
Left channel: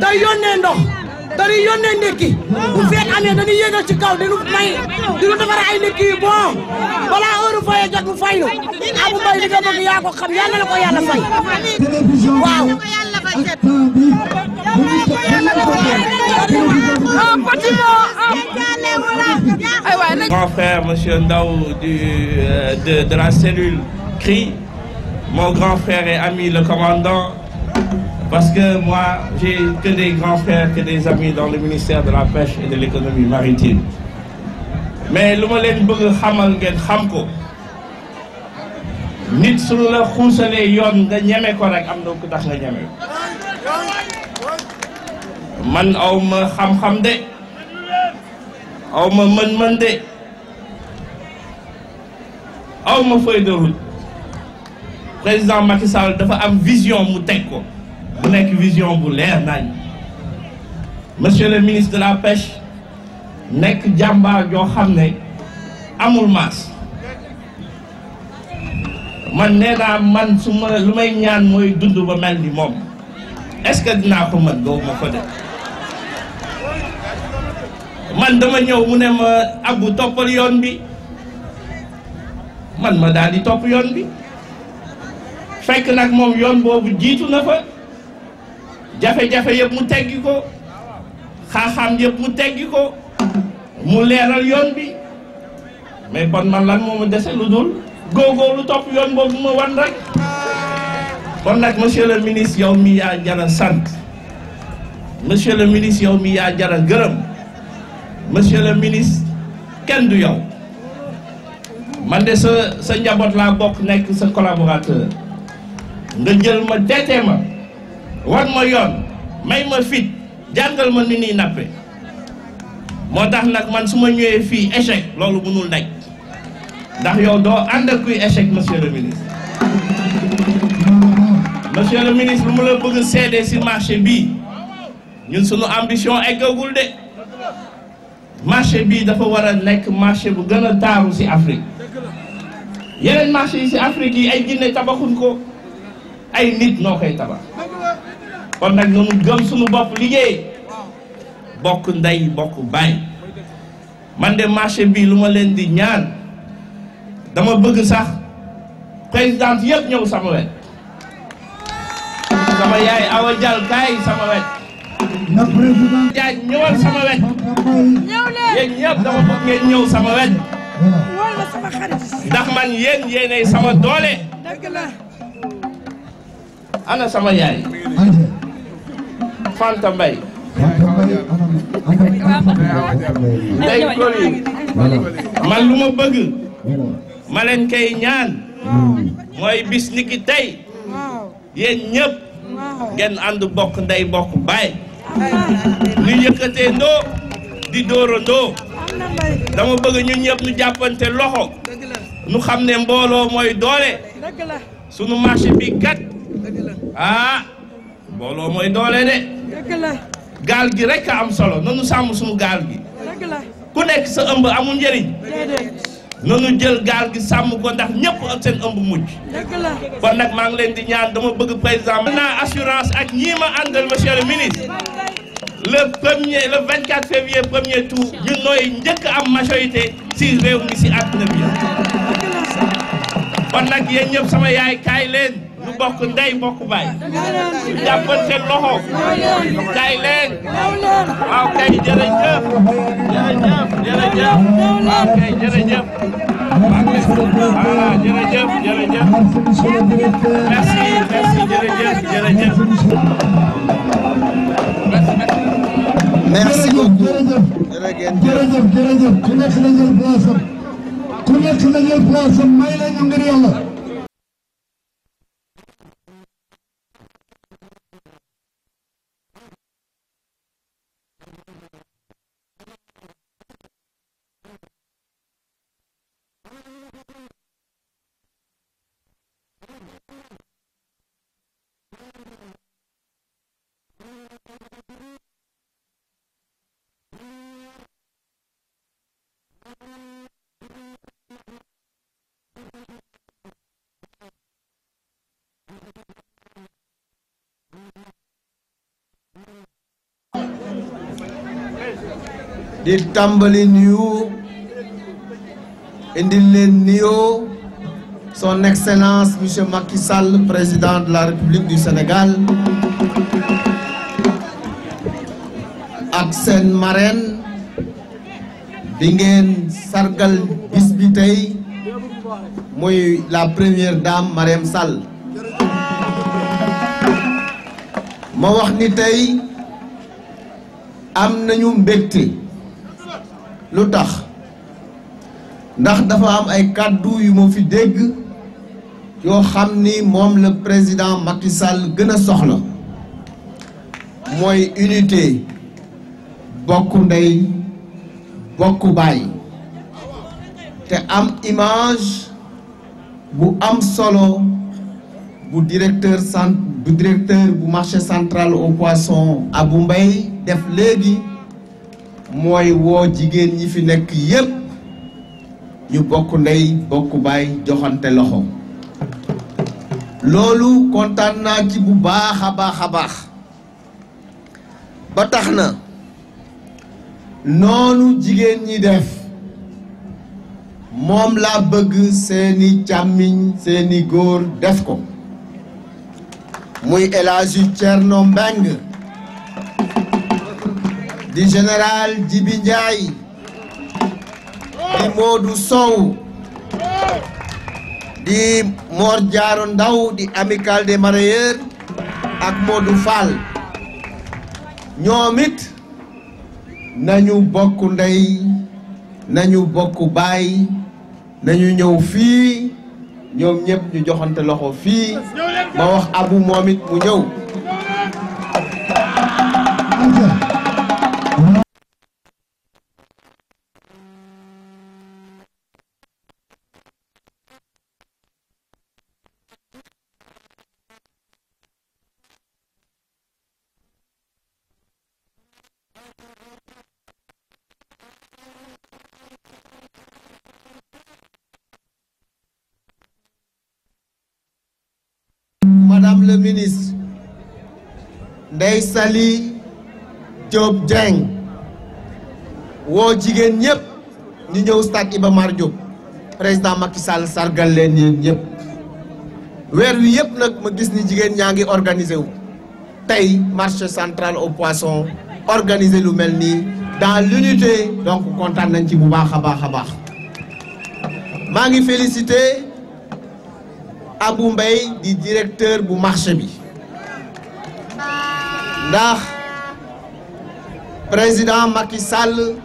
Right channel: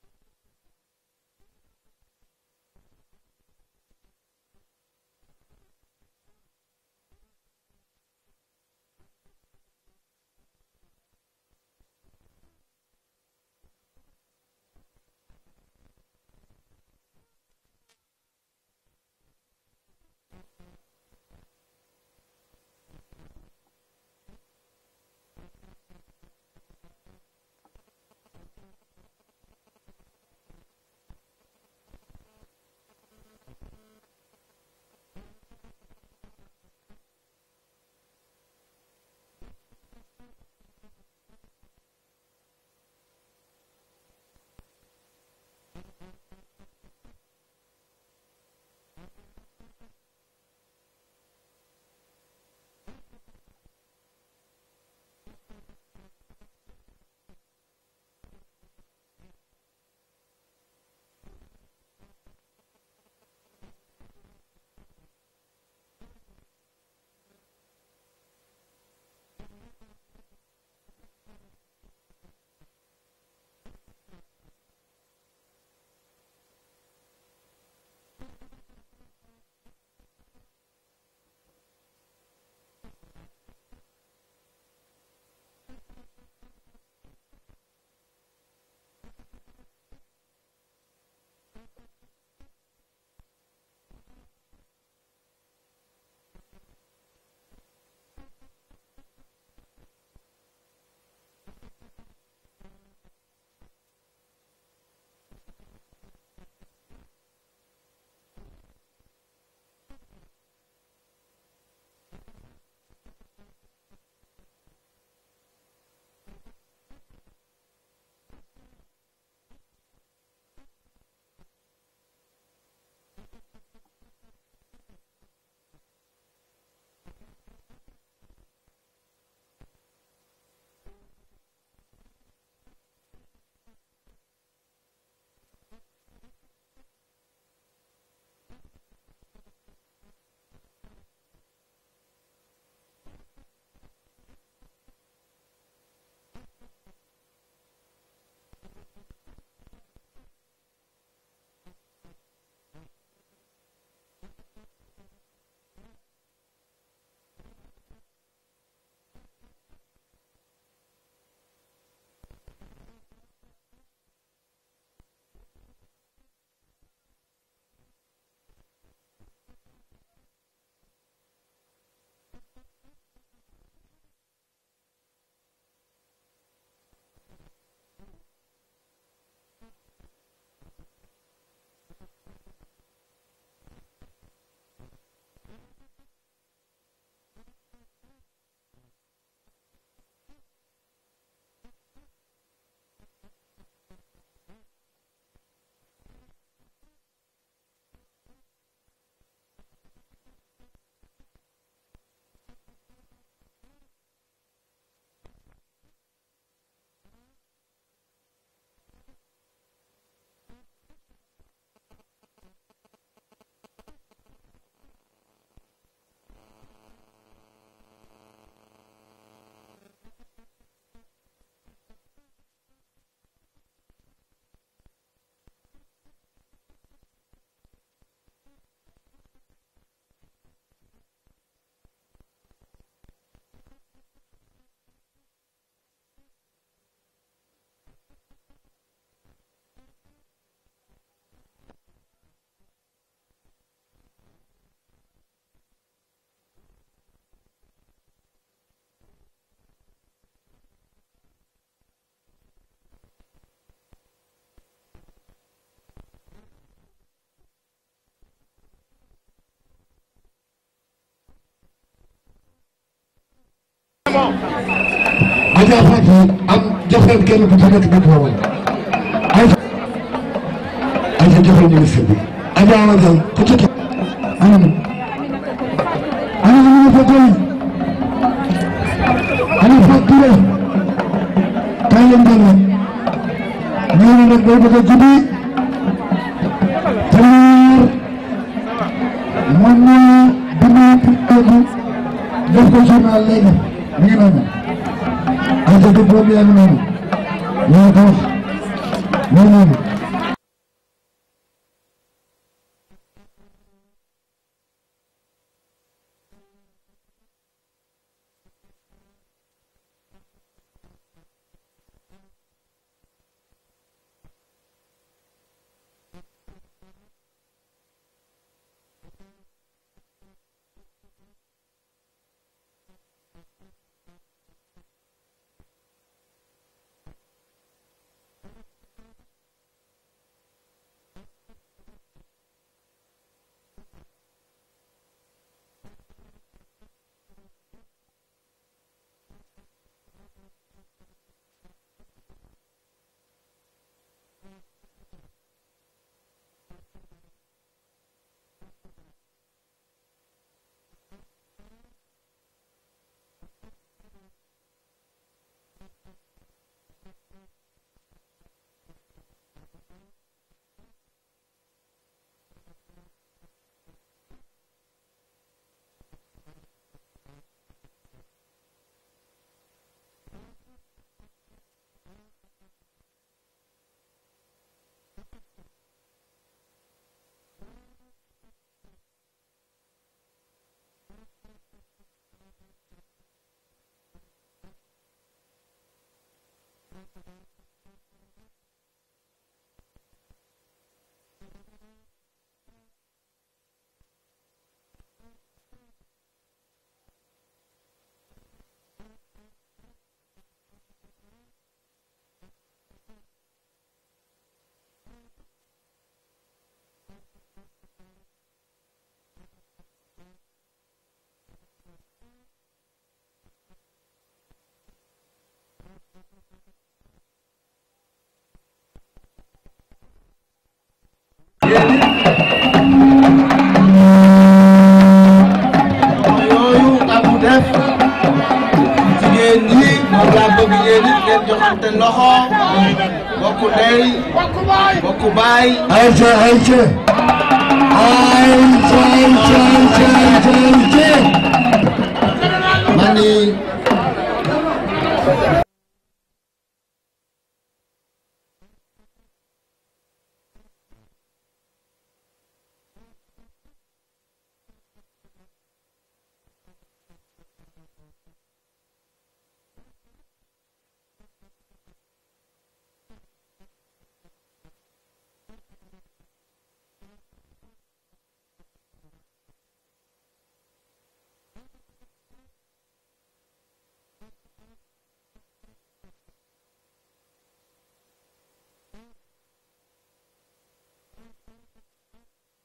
day yónnee ndox dañuy yónnee ndekki bu feet amee dañuy yéegal ci kaw dañu may diñu defar ay ndekki yu bon balaa heure fayee jot mu fay nu Abou Mbaye li nga bëgg yaa ko xam yàlla na ko yàlla fay waaw Grand frère monsieur Ndao de la cellule CRI, mon grand frère et ami le commandant. Parce que moi, j'ai que des grands frères, que des amis dans le ministère de la Pêche et de l'économie maritime. Mais lu ma leen bëgg xamal ngeen xam ko nit su la xuusalee yoon nga ñeme ko rek am na ku tax nga ñeme man aw ma xam-xam de aw ma mën-mën de aw ma feuille de route président Macky Sall dafa am vision mu teg ko. bu nekk vision bu leer nañ monsieur le ministre de la pêche nekk jàmbaar joo xam ne amul maas man nee naa man su ma lu may ñaan mooy dund ba mel ni moom est-ce que dinaa ko mën doo ma ko def man dama ñëw mu ne ma Abou toppal yoon bi man ma daal di topp yoon bi fekk nag moom yoon boobu jiitu na fa jafe-jafe yëpp mu teggi ko xaaxaam yëpp mu teggi ko mu leeral yoon bi mais bon man lan moo ma dese lu dul góorgóorlu topp yoon boobu ma wan rek kon nag monsieur le ministre yow mi yaa jara sant monsieur le ministre yow mi yaa jara gërëm monsieur le ministre kenn du yow man de sa njaboot laa bokk nekk sa collaborateur nga jël ma deetee ma wan ma yoon may ma fit jàngal ma ni nii nappe moo tax nag man su ma ñëwee fii échec loolu mënul nekk ndax yow doo ànd ak kuy échec monsieur le ministre monsieur le ministre lu mu la bëgg seede ci marché bii ñun suñu ambition eggagul de marché bii dafa war a nekk marché bu gën a taaru ci Afrique yeneen marché yi ci Afrique yi ay jinne tabaxuñ ko ay nit noo koy tabax kon nag noonu gëm suñu bopp liggéey bokk ndey bokk baay man de marché bii lu ma leen di ñaan dama bëgg sax présidente yëpp ñëw sama wet sama yaay Awa Dial kaay sama wet jaaj ñëwal sama wet yéen ñëpp dama bëgg ngeen ñëw sama wet ndax man yéenay sama doole ana sama yaay Fanta Mbaye ndey koli man lu ma bëgg ma leen koy ñaan mooy bis niki tey yéen ñëpp ngeen ànd bokk ndey bokk baay ñu yëkkatee ndoo di dóorandoo dama bëgg ñun ñëpp ñu jàppante loxo ñu xam ne mbooloo mooy doole sunu marché bi kat ah mbooloo mooy doole de gaal gi rek a am solo nanu sàmm sunu gaal gi ku nekk sa ëmb amul njëriñ nanu jël gaal gi sàmm ko ndax ñëpp ak seen ëmb mujj kon nag maa ngi leen di ñaan dama bëgg président naa assurance ak ñii ma àndal monsieur le ministre le 24 février premier tour ñun nooy njëkk am majorité si réew mi si àdduna bi kon nag yéen ñëpp sama yaay kaay leen ñu bokk ndey bokk baay jàppante loxo kay leen waaw kay jërëjëf waaw kay jërëjëf voilà jërëjëf merci jërëjëf merci beaucoup jërëjëf ku nekk la jël place am ku nekk la jël place am may la ñu ngir yàlla Adja Fatou am joxeel kenn ku ci nekk micro ay joxeel ministre bi Adja Wajal ku ci anam ñu fa koy ana Fatou kay leen dal ñu nag day bëgg a guddi man def ko journal léegi mi ngi noonu ay dëgg boobu yaa ngi noonu ñoo ko wax ñoo noonu di tàmbali nuyu indil leen nuyoo son excellence monsieur Macky Sall président de la République du Sénégal ak seen marraine bi ngeen sargal bis bi tey muy la première dame Marième Sall ma wax ni tey am nañu mbégte lu tax ndax dafa am ay kàddu yu ma fi dégg yoo xam ni moom le président Macky Sall gën a soxla mooy unité bokk ndey bokk baay te am image bu am solo bu directeur bu marché central au poisson Abou Mbaye def léegi mooy woo jigéen ñi fi nekk yépp ñu bokk ndey bokk baay joxante loxo loolu kontaan naa ci bu baax a baax ba tax na noonu jigéen ñi def moom laa bëgg seeni càmmiñ seeni góor def ko muy El Hadji Thierno Mbengue di général Djibi Ndiaye di Modou Sow di Mor Diaro Ndaw di Amicale des Mareyeurs ak Modou Fall ñoom it nañu bokk ndey nañu bokk baay nañu ñëw fii ñoom ñëpp ñu joxante loxo fii ma wax Abu moom it mu ñëw yooyu Abu def jigéen ñi moom laa bëgg yéen it ngeen joxante loxo bokk ndey bokk baay mani madame le ministre Ndeye Saly Diop Dieng woo jigéen ñëpp ñu ñëw stade Iba Mar Diop président Macky Sall sargal leen yéen ñëpp weer wi yëpp nag ma gis ni jigéen ñaa ngi organisé wu tey marché central au poisson organisé lu mel nii dans l'unité donc kontaan nañ ci bu baax a baax maa ngi félicité Abou Mbaye di directeur bu marché bi ndax président Macky Sall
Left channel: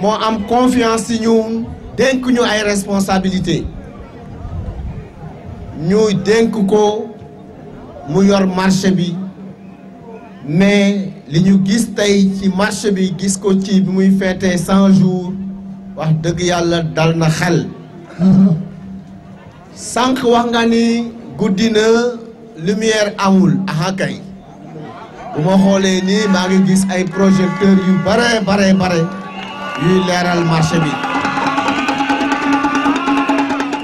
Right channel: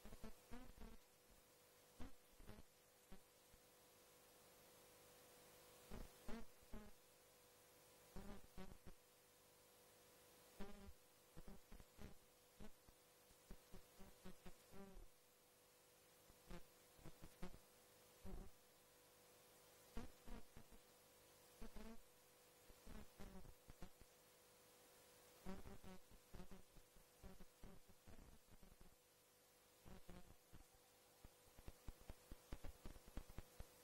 moo am confiance ci ñun dénk ñu ay responsabilité ñu dénk ko mu yor marché bi mais li ñu gis tey ci marché bi gis ko ci bi muy fêté 100 jours wax dëgg yàlla dal na xel sànq wax nga ni guddi na lumière amul aha kay bu ma xoolee nii maa ngi gis ay projecteurs yu bare yuy leeral marché bi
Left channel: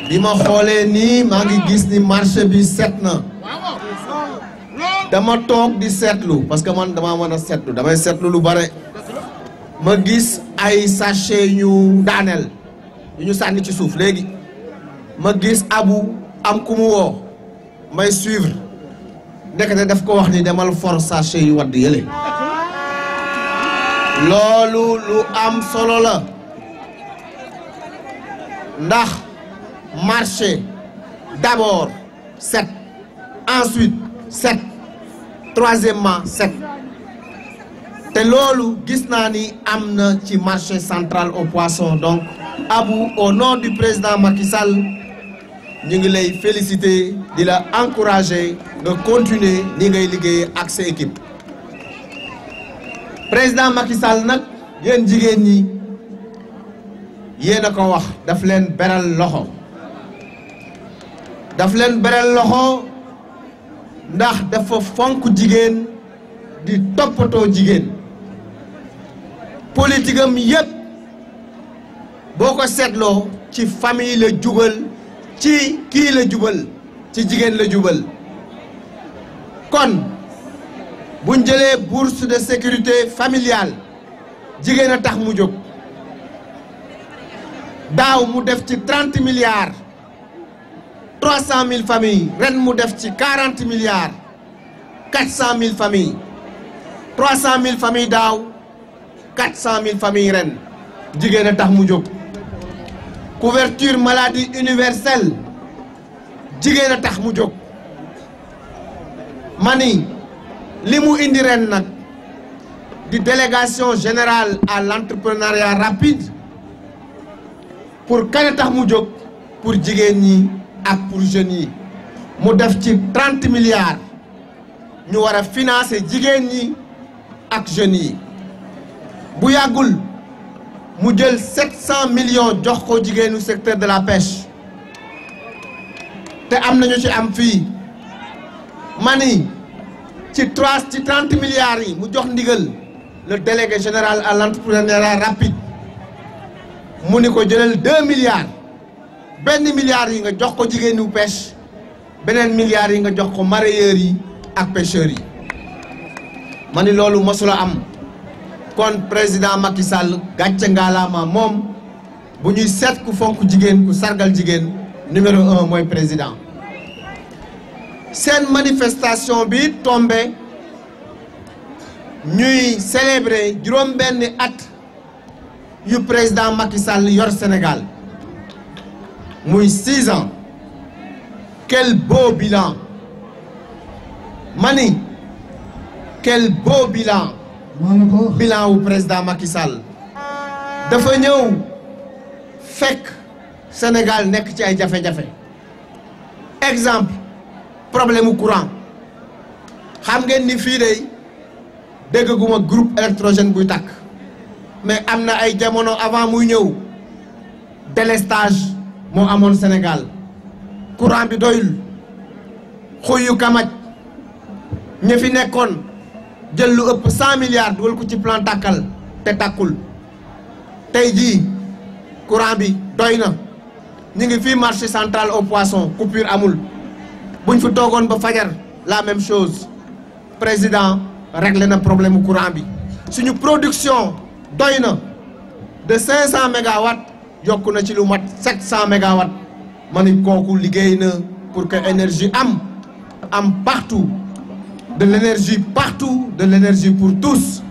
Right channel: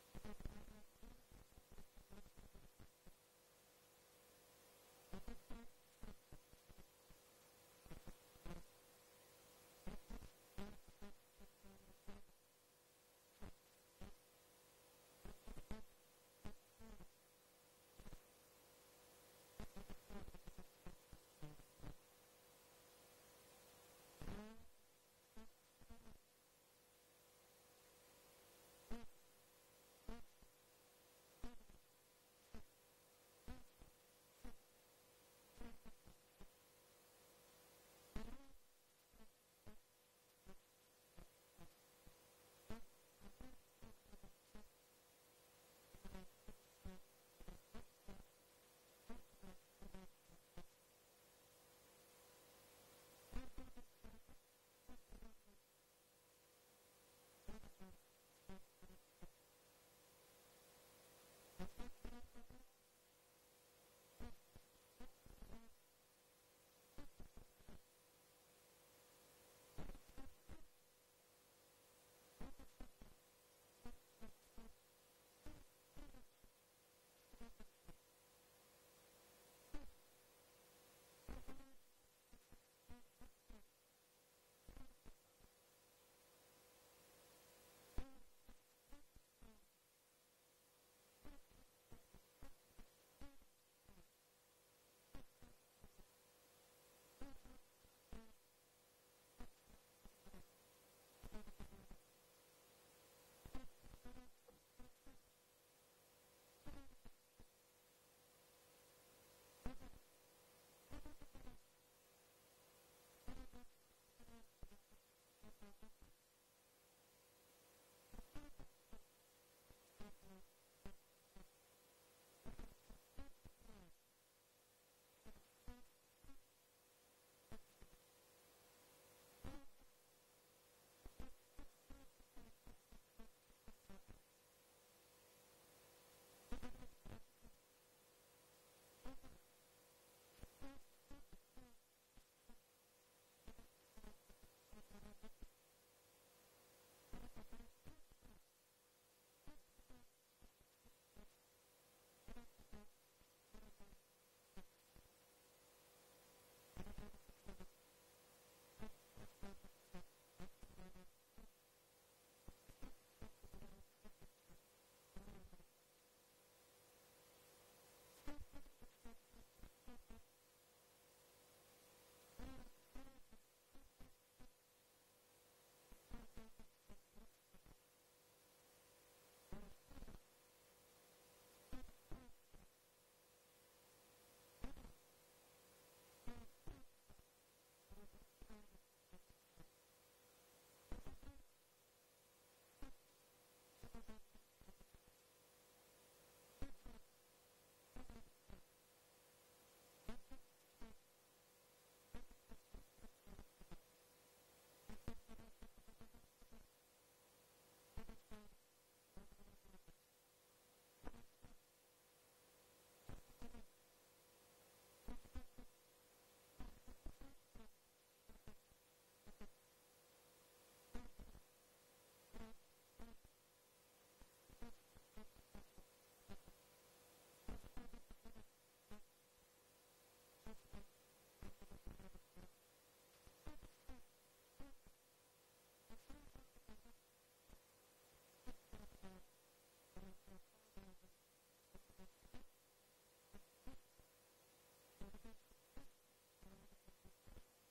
bi ma xoolee nii maa ngi gis ni marché bi set na dama toog di seetlu parce que man dama mën a seetlu damay seetlu lu bare ma gis ay sachet ñu daaneel yu ñu sànni ci suuf léegi ma gis Abu am ku mu woo may suivre ndekete daf ko wax ni demal for sachet yu wadd yële loolu lu am solo la ndax marché d'abord set ensuite set troisièmement set te loolu gis naa ni am na ci marché central au poisson donc Abou au nom du président Macky Sall ñu ngi lay féliciter di la encourager nga continuer ni ngay liggéey ak sa équipe président Macky Sall nag yéen jigéen ñi yéen a ko wax daf leen beral loxo ndax dafa fonk jigéen di toppatoo jigéen politique am yépp boo ko seetloo ci famille la jubal ci kii la jubal ci jigéen la jubal kon buñ jëlee bourse de sécurité familiale jigéen a tax mu jóg daaw mu def ci 30 milliards 300 000 familles ren mu def ci 40 milliards 400 000 familles 300 000 familles daaw 400 000 familles ren jigéen a tax mu jóg couverture maladie universelle jigéen a tax mu jóg mani li mu indi ren nag di délégation générale à l'entrepreneuriat rapide pour kan a tax mu jóg pour jigéen ñi ak pour jeunes yi mu def ci 30 milliards ñu war a financer jigéen ñi ak jeunes yi bu yàggul mu jël 700 millions jox ko jigéenu secteur de la pêche te am nañu ci am fii mani ci 30 milliards yi mu jox ndigal le délégué général à l'entrepreneuriat rapide mu ni ko jëlal 2 milliards benn milliard yi nga jox ko jigéenu pêche beneen milliard yi nga jox ko mareyeurs yi ak pêcheurs yi mani loolu mosula am kon président Macky Sall gàcce ngaalaama moom bu ñuy seet ku fonk jigéen ku sargal jigéen numéro 1 mooy président seen manifestation bi tombé ñuy célébrer juróom-benni at yu président Macky Sall yor Sénégal muy 6 ans quel beau bilan mani quel beau bilan bilan wu président Macky Sall dafa ñëw fekk Sénégal nekk ci ay jafe-jafe exemple problème mu courant xam ngeen ni fii de dégguma groupe électrogène buy tàkk mais am na ay jamono avant muy ñëw délestage moo amoon Sénégal courant bi doyul xuyu kamaj ña fi nekkoon jël lu ëpp 100 milliards dugal ko ci plan tàkkal te tàkkul tey jii courant bi doy na ñu ngi fii marché central au poisson coupure amul buñ fi toogoon ba fajar la même chose président réglé na problème mu courant bi suñu production doy na de 500 mégawatts yokku na ci lu mat 700 mégawatts ma ni kooku liggéey na pour que énergie am partout de l'énergie partout de l'énergie pour tous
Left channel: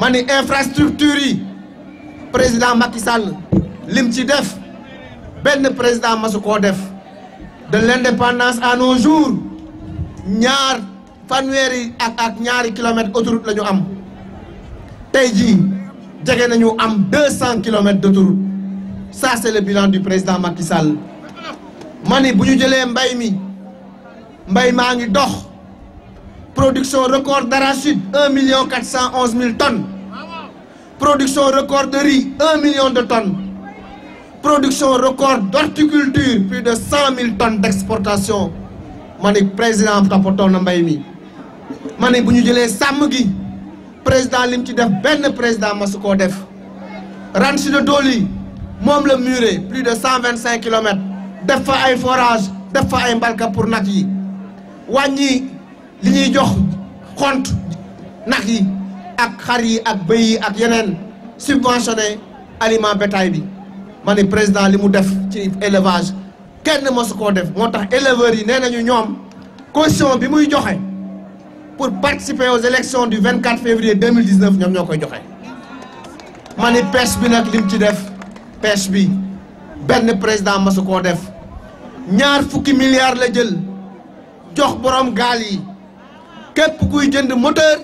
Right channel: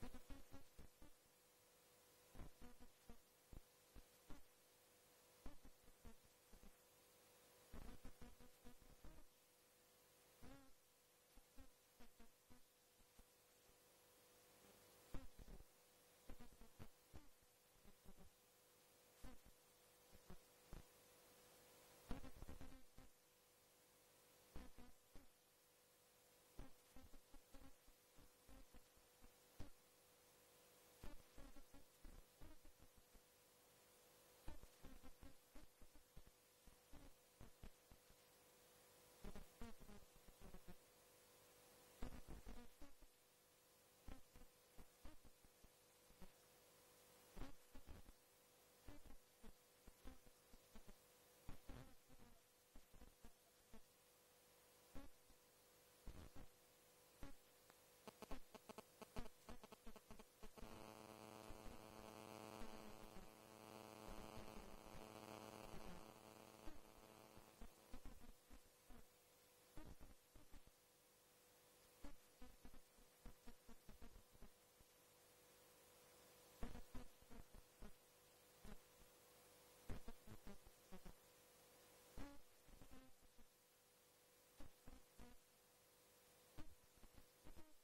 ma ni infrastructure yi président Macky Sall lim ci def benn président masu koo def de l'indépendance à nos jours ñaar fanweeri ak ñaari kilomètres autoroute la ñu am tey jii jege nañu am 200 kilomètres d'autoroute ça c'est le bilan du président Macky Sall ma ni bu ñu jëlee mbay maa ngi dox production record d'arachide 1 411 000 tonnes production record de riz 1 million de tonnes production record d'horticulture plus de 100 000 tonnes d'exportation ma ni président toppatoo na mbay mi ma ni bu ñu jëlee sàmm gi président lim ci def benn président masu koo def ranch de Doli moom la muré plus de 125 kilomètres def fa ay forage def fa ay mbalka pour nag yi wàññi li ñuy jox xont nag yi ak xar yi ak bëy yi ak yeneen subventionné aliment bétail bi ma ne président li mu def ci élevage kenn mosu koo def moo tax éleveurs yi nee nañu ñoom caution bi muy joxe pour participer aux élections du 24 février 2019 ñoom ñoo koy joxe. ma ni pêche bi nag lim ci def pêche bi benn président mosu koo def 20 milliards la jël jox borom gaal yi képp kuy jënd moteur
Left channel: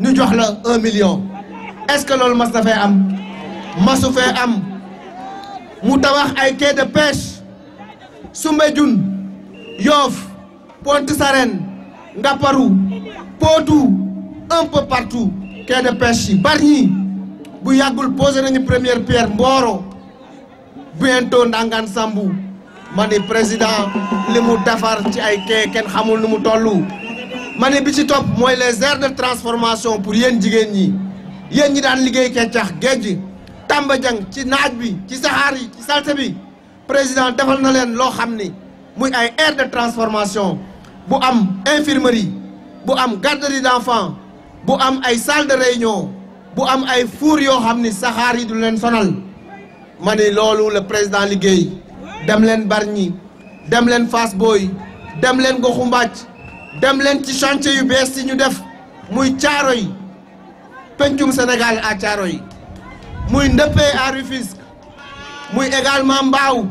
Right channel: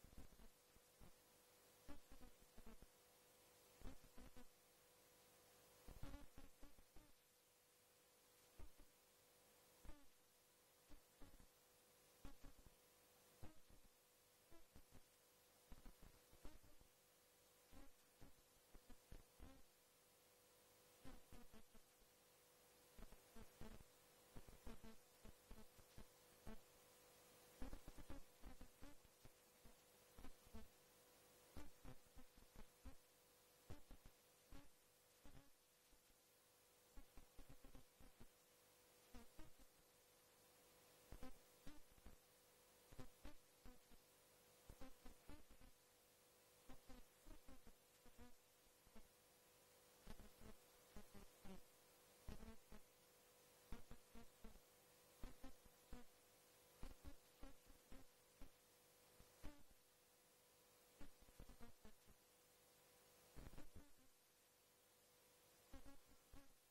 ñu jox la 1 million. est-ce que loolu mas na fee am masu fee am mu tabax ay quai de pêche Soumbédioune Yoff Pointe Sarène Ngaparou Potou un peu partout quai de pêche yi Bargny bu yàggul posé nañu première pierre Mboro bientôt Ndangaan Sambou ma ni président li mu defar ci ay quai kenn xamul nu mu tollu ma ni bi ci topp mooy les aires de transformation pour yéen jigéen ñi yéen ñi daan liggéey Kecax géej Tamba Diang ci naaj bi ci saxaar yi ci salte bi président defal na leen loo xam ni muy ay aire de transformation bu am infirmerie bu am garderie d'enfants bu am ay salle de réunion bu am ay four yoo xam ni saxaar yi du leen sonal ma ni loolu le président liggéey dem leen Bargny dem leen Fass Boye dem leen Goxu Mbàcc dem leen ci chantier yu bees yi ñu def muy Thiaroye pencum Sénégal à Thiaroye muy Ndëppee à Rufisque muy également Mbao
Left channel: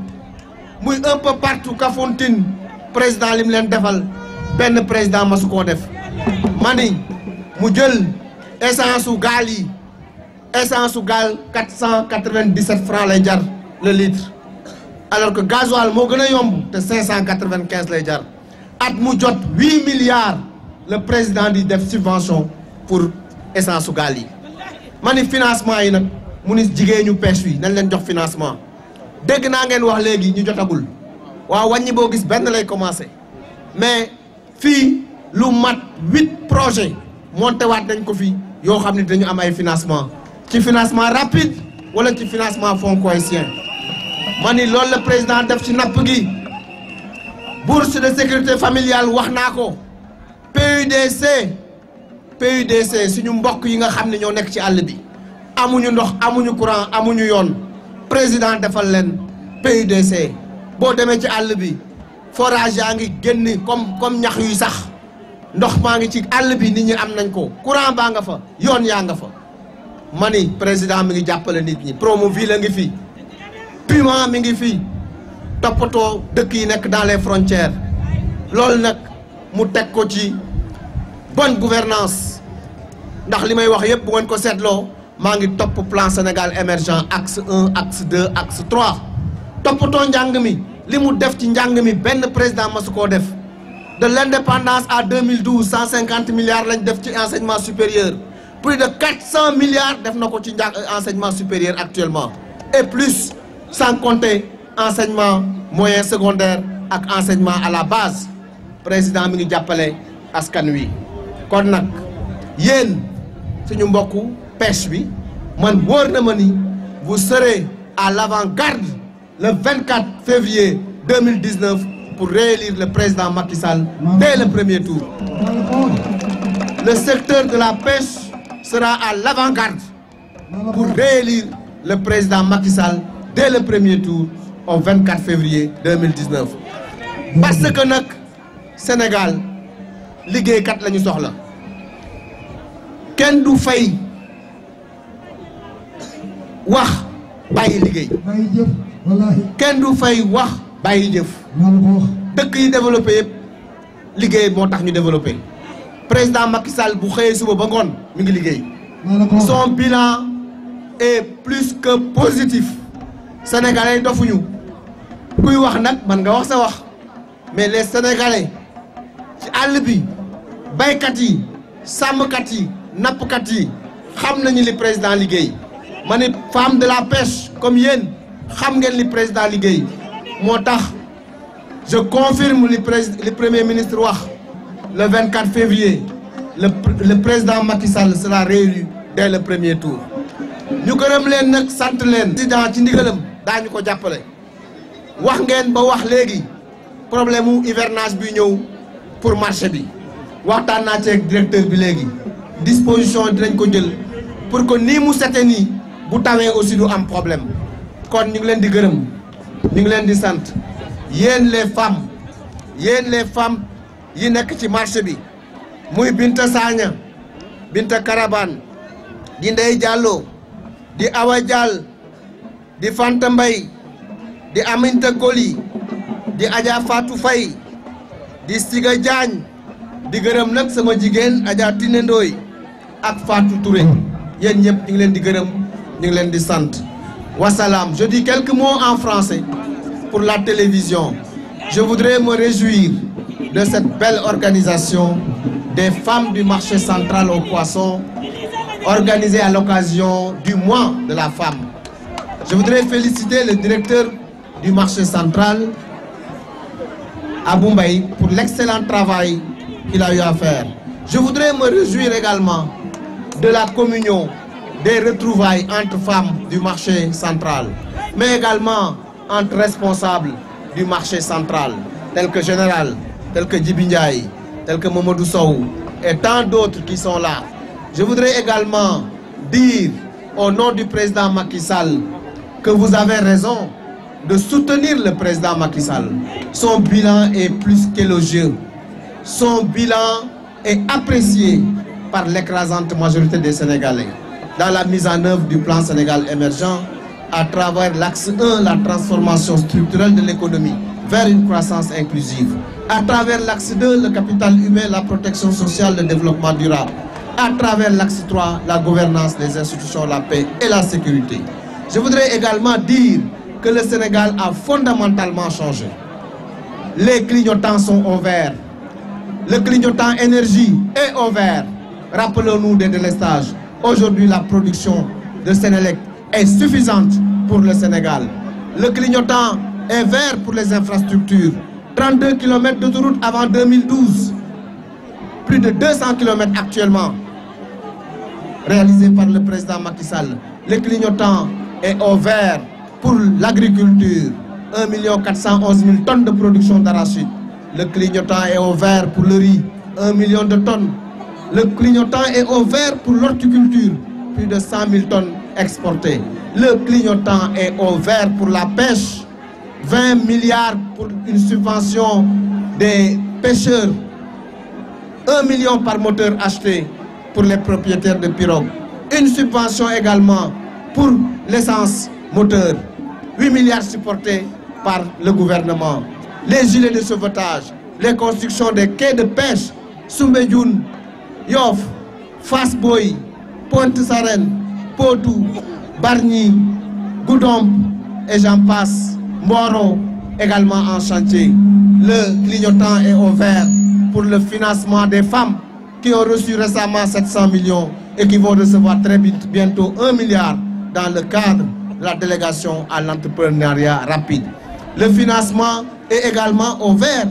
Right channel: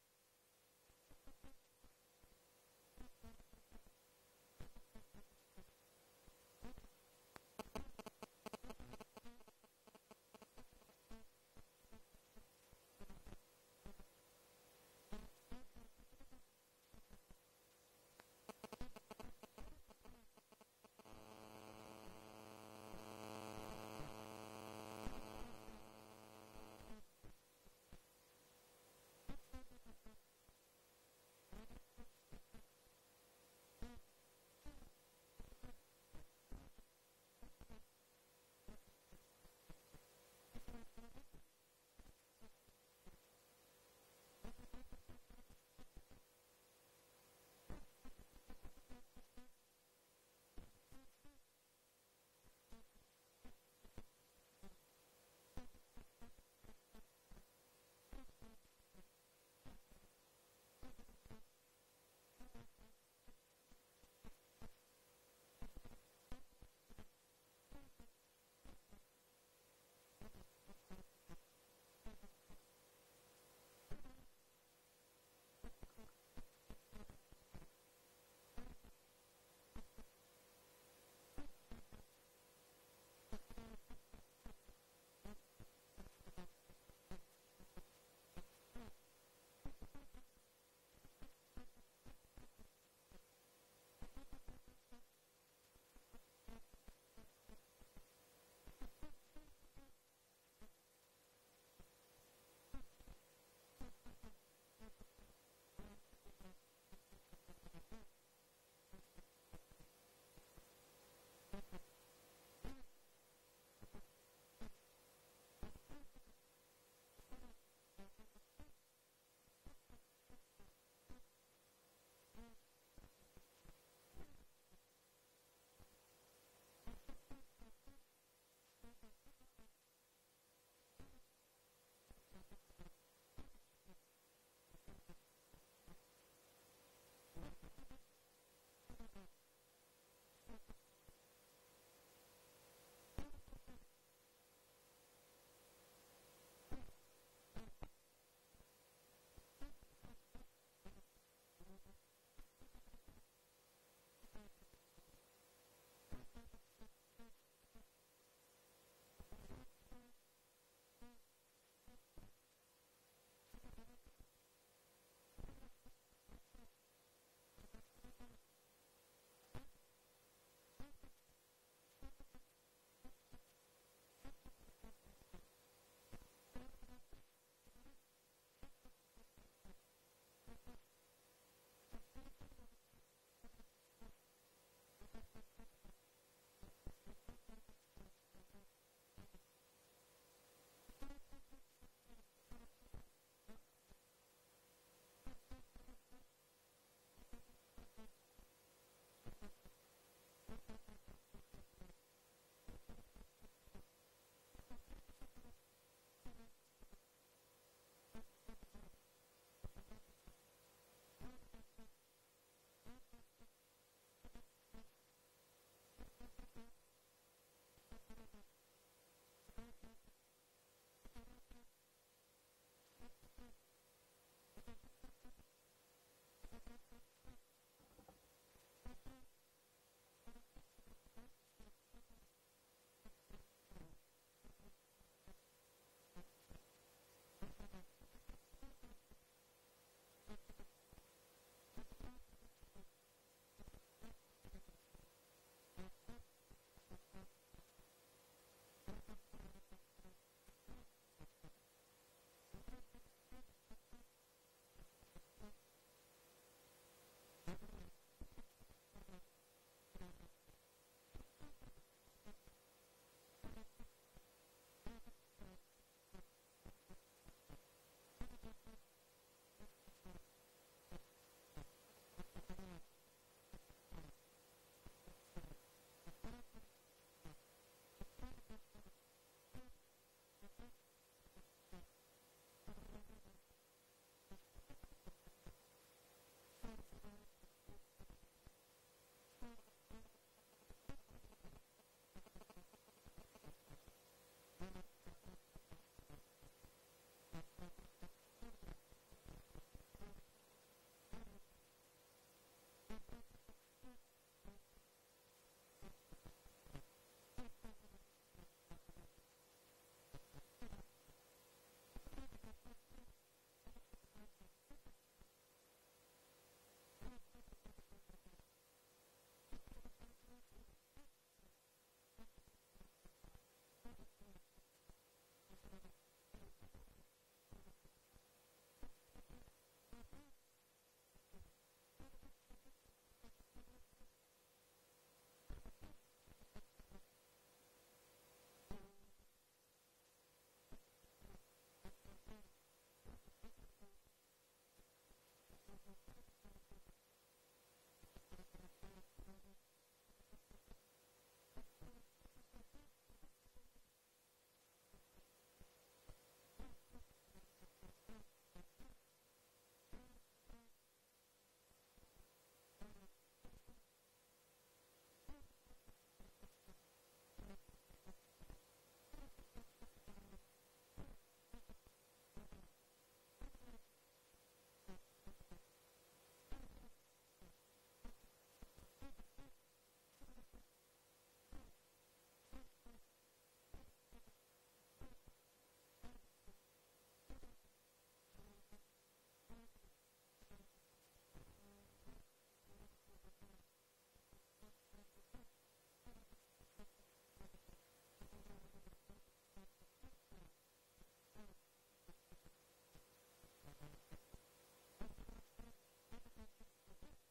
muy un peu partout Kafountine président li mu leen defal benn président masu koo def mani mu jël essence su gaal yi essence su gaal 497 francs lay jar le litre alors que gasoil moo gën a yomb te 595 lay jar at mu jot 8 milliards le président di def subvention pour essence su gaal yi mani financement yi nag mu ni jigéenu pêche yi nañ leen jox financement dégg naa ngeen wax léegi ñu jotagul waaw wàññi boo gis benn lay commencé mais fii lu mat 8 projets monté waat nañ ko fi yoo xam ne dañu am ay financement ci financement rapide wala ci financement fonds cohésien ma ni loolu la président def ci napp gi bourse de sécurité familiale wax naa ko PUDC suñu mbokk yi nga xam ne ñoo nekk ci àll bi amuñu ndox amuñu courant amuñu yoon président defal leen PUDC boo demee ci àll bi forage yaa ngi génn comme ñax yuy sax ndox maa ngi ci àll bi nit ñi am nañ ko courant baa nga fa yoon yaa nga fa ma ni président mi ngi jàppale nit ñi Promoville la ngi fi Puma mi ngi fi toppatoo dëkk yi nekk dans les frontières loolu nag mu teg ko ci bonne gouvernance ndax li may wax yëpp bu ngeen ko seetloo maa ngi topp plan Sénégal émergent axe 1 axe 2 axe 3 toppatoo njàng mi li mu def ci njàng mi benn président masu koo def de l'indépendance à 2012 150 milliards lañ def ci enseignement supérieur plus de 400 milliards def na ko ci enseignement supérieur actuellement et plus sans compter enseignement moyen secondaire ak enseignement à la base président mi ngi jàppale askan wi kon nag yéen suñu mbokku pêche bi man wóor na ma ni vous serez à l'avant-garde le 24 février 2019 pour réélire le président Macky Sall dès le premier tour. Le secteur de la pêche sera à l'avant-garde pour réélire le président Macky Sall dès le premier tour au 24 février 2019. Parce que nag Sénégal liggéeykat la ñu soxla kenn du fay wax bàyyi liggéey kenn du fay wax bàyyi jëf dëkk yi développé yëpp liggéey moo tax ñu développé président Macky Sall bu xëyee suba ba ngoon mi ngi liggéey son bilan est plus que positif sénégalais dofuñu kuy wax nag man nga wax sa wax mais les sénégalais ci àll bi baykat yi sàmmkat yi nappkat yi xam nañu li président liggéey ma ne femme de la pêche comme yéen xam ngeen li président liggéey moo tax je confirme li premier ministre wax le 24 février le président Macky Sall sera réélu dès le premier tour ñu gërëm leen nag sant leen président ci ndigalam daañu ko jàppale wax ngeen ba wax léegi problème mu hivernage bi ñëw pour marché bi waxtaan naa ci ak directeur bi léegi disposition dinañ ko jël pour que nii mu sete nii bu tawee aussi du am problème kon ñu ngi leen di gërëm ñu ngi leen di sant yéen les femmes yi nekk ci marché bi muy Binta Sagna Binta Karabane di Ndeye Diallo di Awa Diall di Fanta Mbaye di Aminta Koli di Adja Fatou Faye di Siga Diagne di gërëm nag sama jigéen Adja Tine Ndoye ak Fatou Touré yéen ñëpp ñu ngi leen di gërëm ñu ngi leen di sant wasalaam. Je dis quelques mots en français pour la télévision. Je voudrais me réjouir de cette belle organisation des femmes du marché central aux poissons organisée à l'occasion du mois de la femme. Je voudrais féliciter le directeur du marché central, Abou Mbaye, pour l'excellent travail qu'il a eu à faire. Je voudrais me réjouir également de la communion, des retrouvailles entre femmes du marché central, mais également entre responsables du marché central, tels que Général, tels que Djibi Ndiaye, tels que Mamadou Sow, et tant d'autres qui sont là. Je voudrais également dire au nom du président Macky Sall que vous avez raison de soutenir le président Macky Sall. Son bilan est plus qu'élogieux. Son bilan est apprécié par l'écrasante majorité des Sénégalais dans la mise en œuvre du plan Sénégal émergent à travers l'axe 1, la transformation structurelle de l'économie vers une croissance inclusive. À travers l'axe 2, le capital humain, la protection sociale, le développement durable. À travers l'axe 3, la gouvernance des institutions, la paix et la sécurité. Je voudrais également dire que le Sénégal a fondamentalement changé. Les clignotants sont au vert. Le clignotant énergie est au vert. Rappelons-nous des délestages. Aujourd'hui, la production de Sénélec est suffisante pour le Sénégal. Le clignotant est vert pour les infrastructures. 32 km d'autoroute avant 2012. Plus de 200 km actuellement réalisés par le président Macky Sall. Le clignotant est au vert pour l'agriculture. 1 411 000 tonnes de production d'arachide. Le clignotant est au vert pour le riz. 1 million de tonnes. Le clignotant est au vert pour l'horticulture. Plus de 100 000 tonnes exportées. Le clignotant est au vert pour la pêche. 20 milliards pour une subvention des pêcheurs. 1 million par moteur acheté pour les propriétaires de pirogues. Une subvention également pour l'essence moteur. 8 milliards supportés par le gouvernement. Les gilets de sauvetage, les constructions des quais de pêche, Soumbédioune, Yoff, Fass Boye, Pointe-Sarène, Potou, Bargny, Goudomp et j'en passe. Mboro également en chantier. Le clignotant est au vert pour le financement des femmes qui ont reçu récemment 700 millions et qui vont recevoir très bientôt 1 milliard dans le cadre de la délégation à l'entrepreneuriat rapide. Le financement est également au vert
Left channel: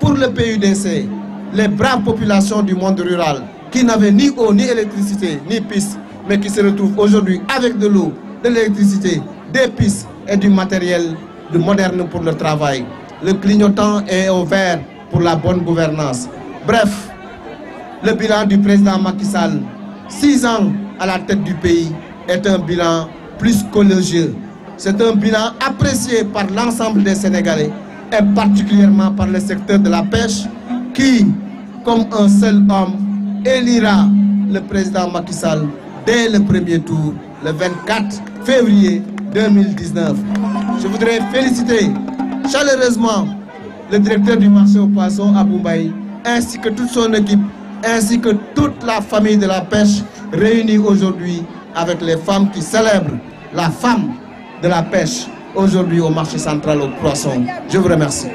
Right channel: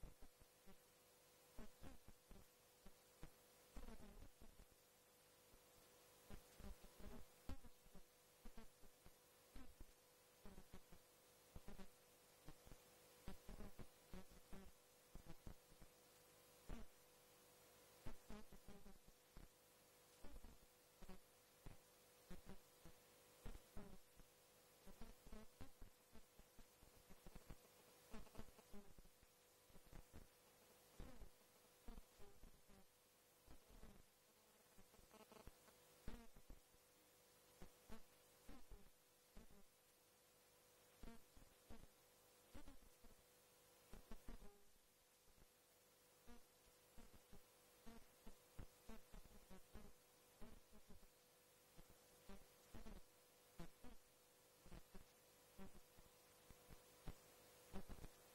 pour le PUDC, les braves populations du monde rural qui n'avaient ni eau, ni électricité, ni piste, mais qui se retrouvent aujourd'hui avec de l'eau, de l'électricité, des pistes et du matériel moderne pour le travail. Le clignotant est au vert pour la bonne gouvernance. Bref, le bilan du président Macky Sall, 6 ans à la tête du pays, est un bilan plus qu'élogieux. C'est un bilan apprécié par l'ensemble des Sénégalais et particulièrement par le secteur de la pêche qui, comme un seul homme, élira le président Macky Sall dès le premier tour, le 24 février 2019. Je voudrais féliciter chaleureusement le directeur du marché aux poissons, Abou Mbaye, ainsi que toute son équipe, ainsi que toute la famille de la pêche réunie aujourd'hui avec les femmes qui célèbrent la femme de la pêche aujourd'hui au marché central aux poissons. Je vous remercie.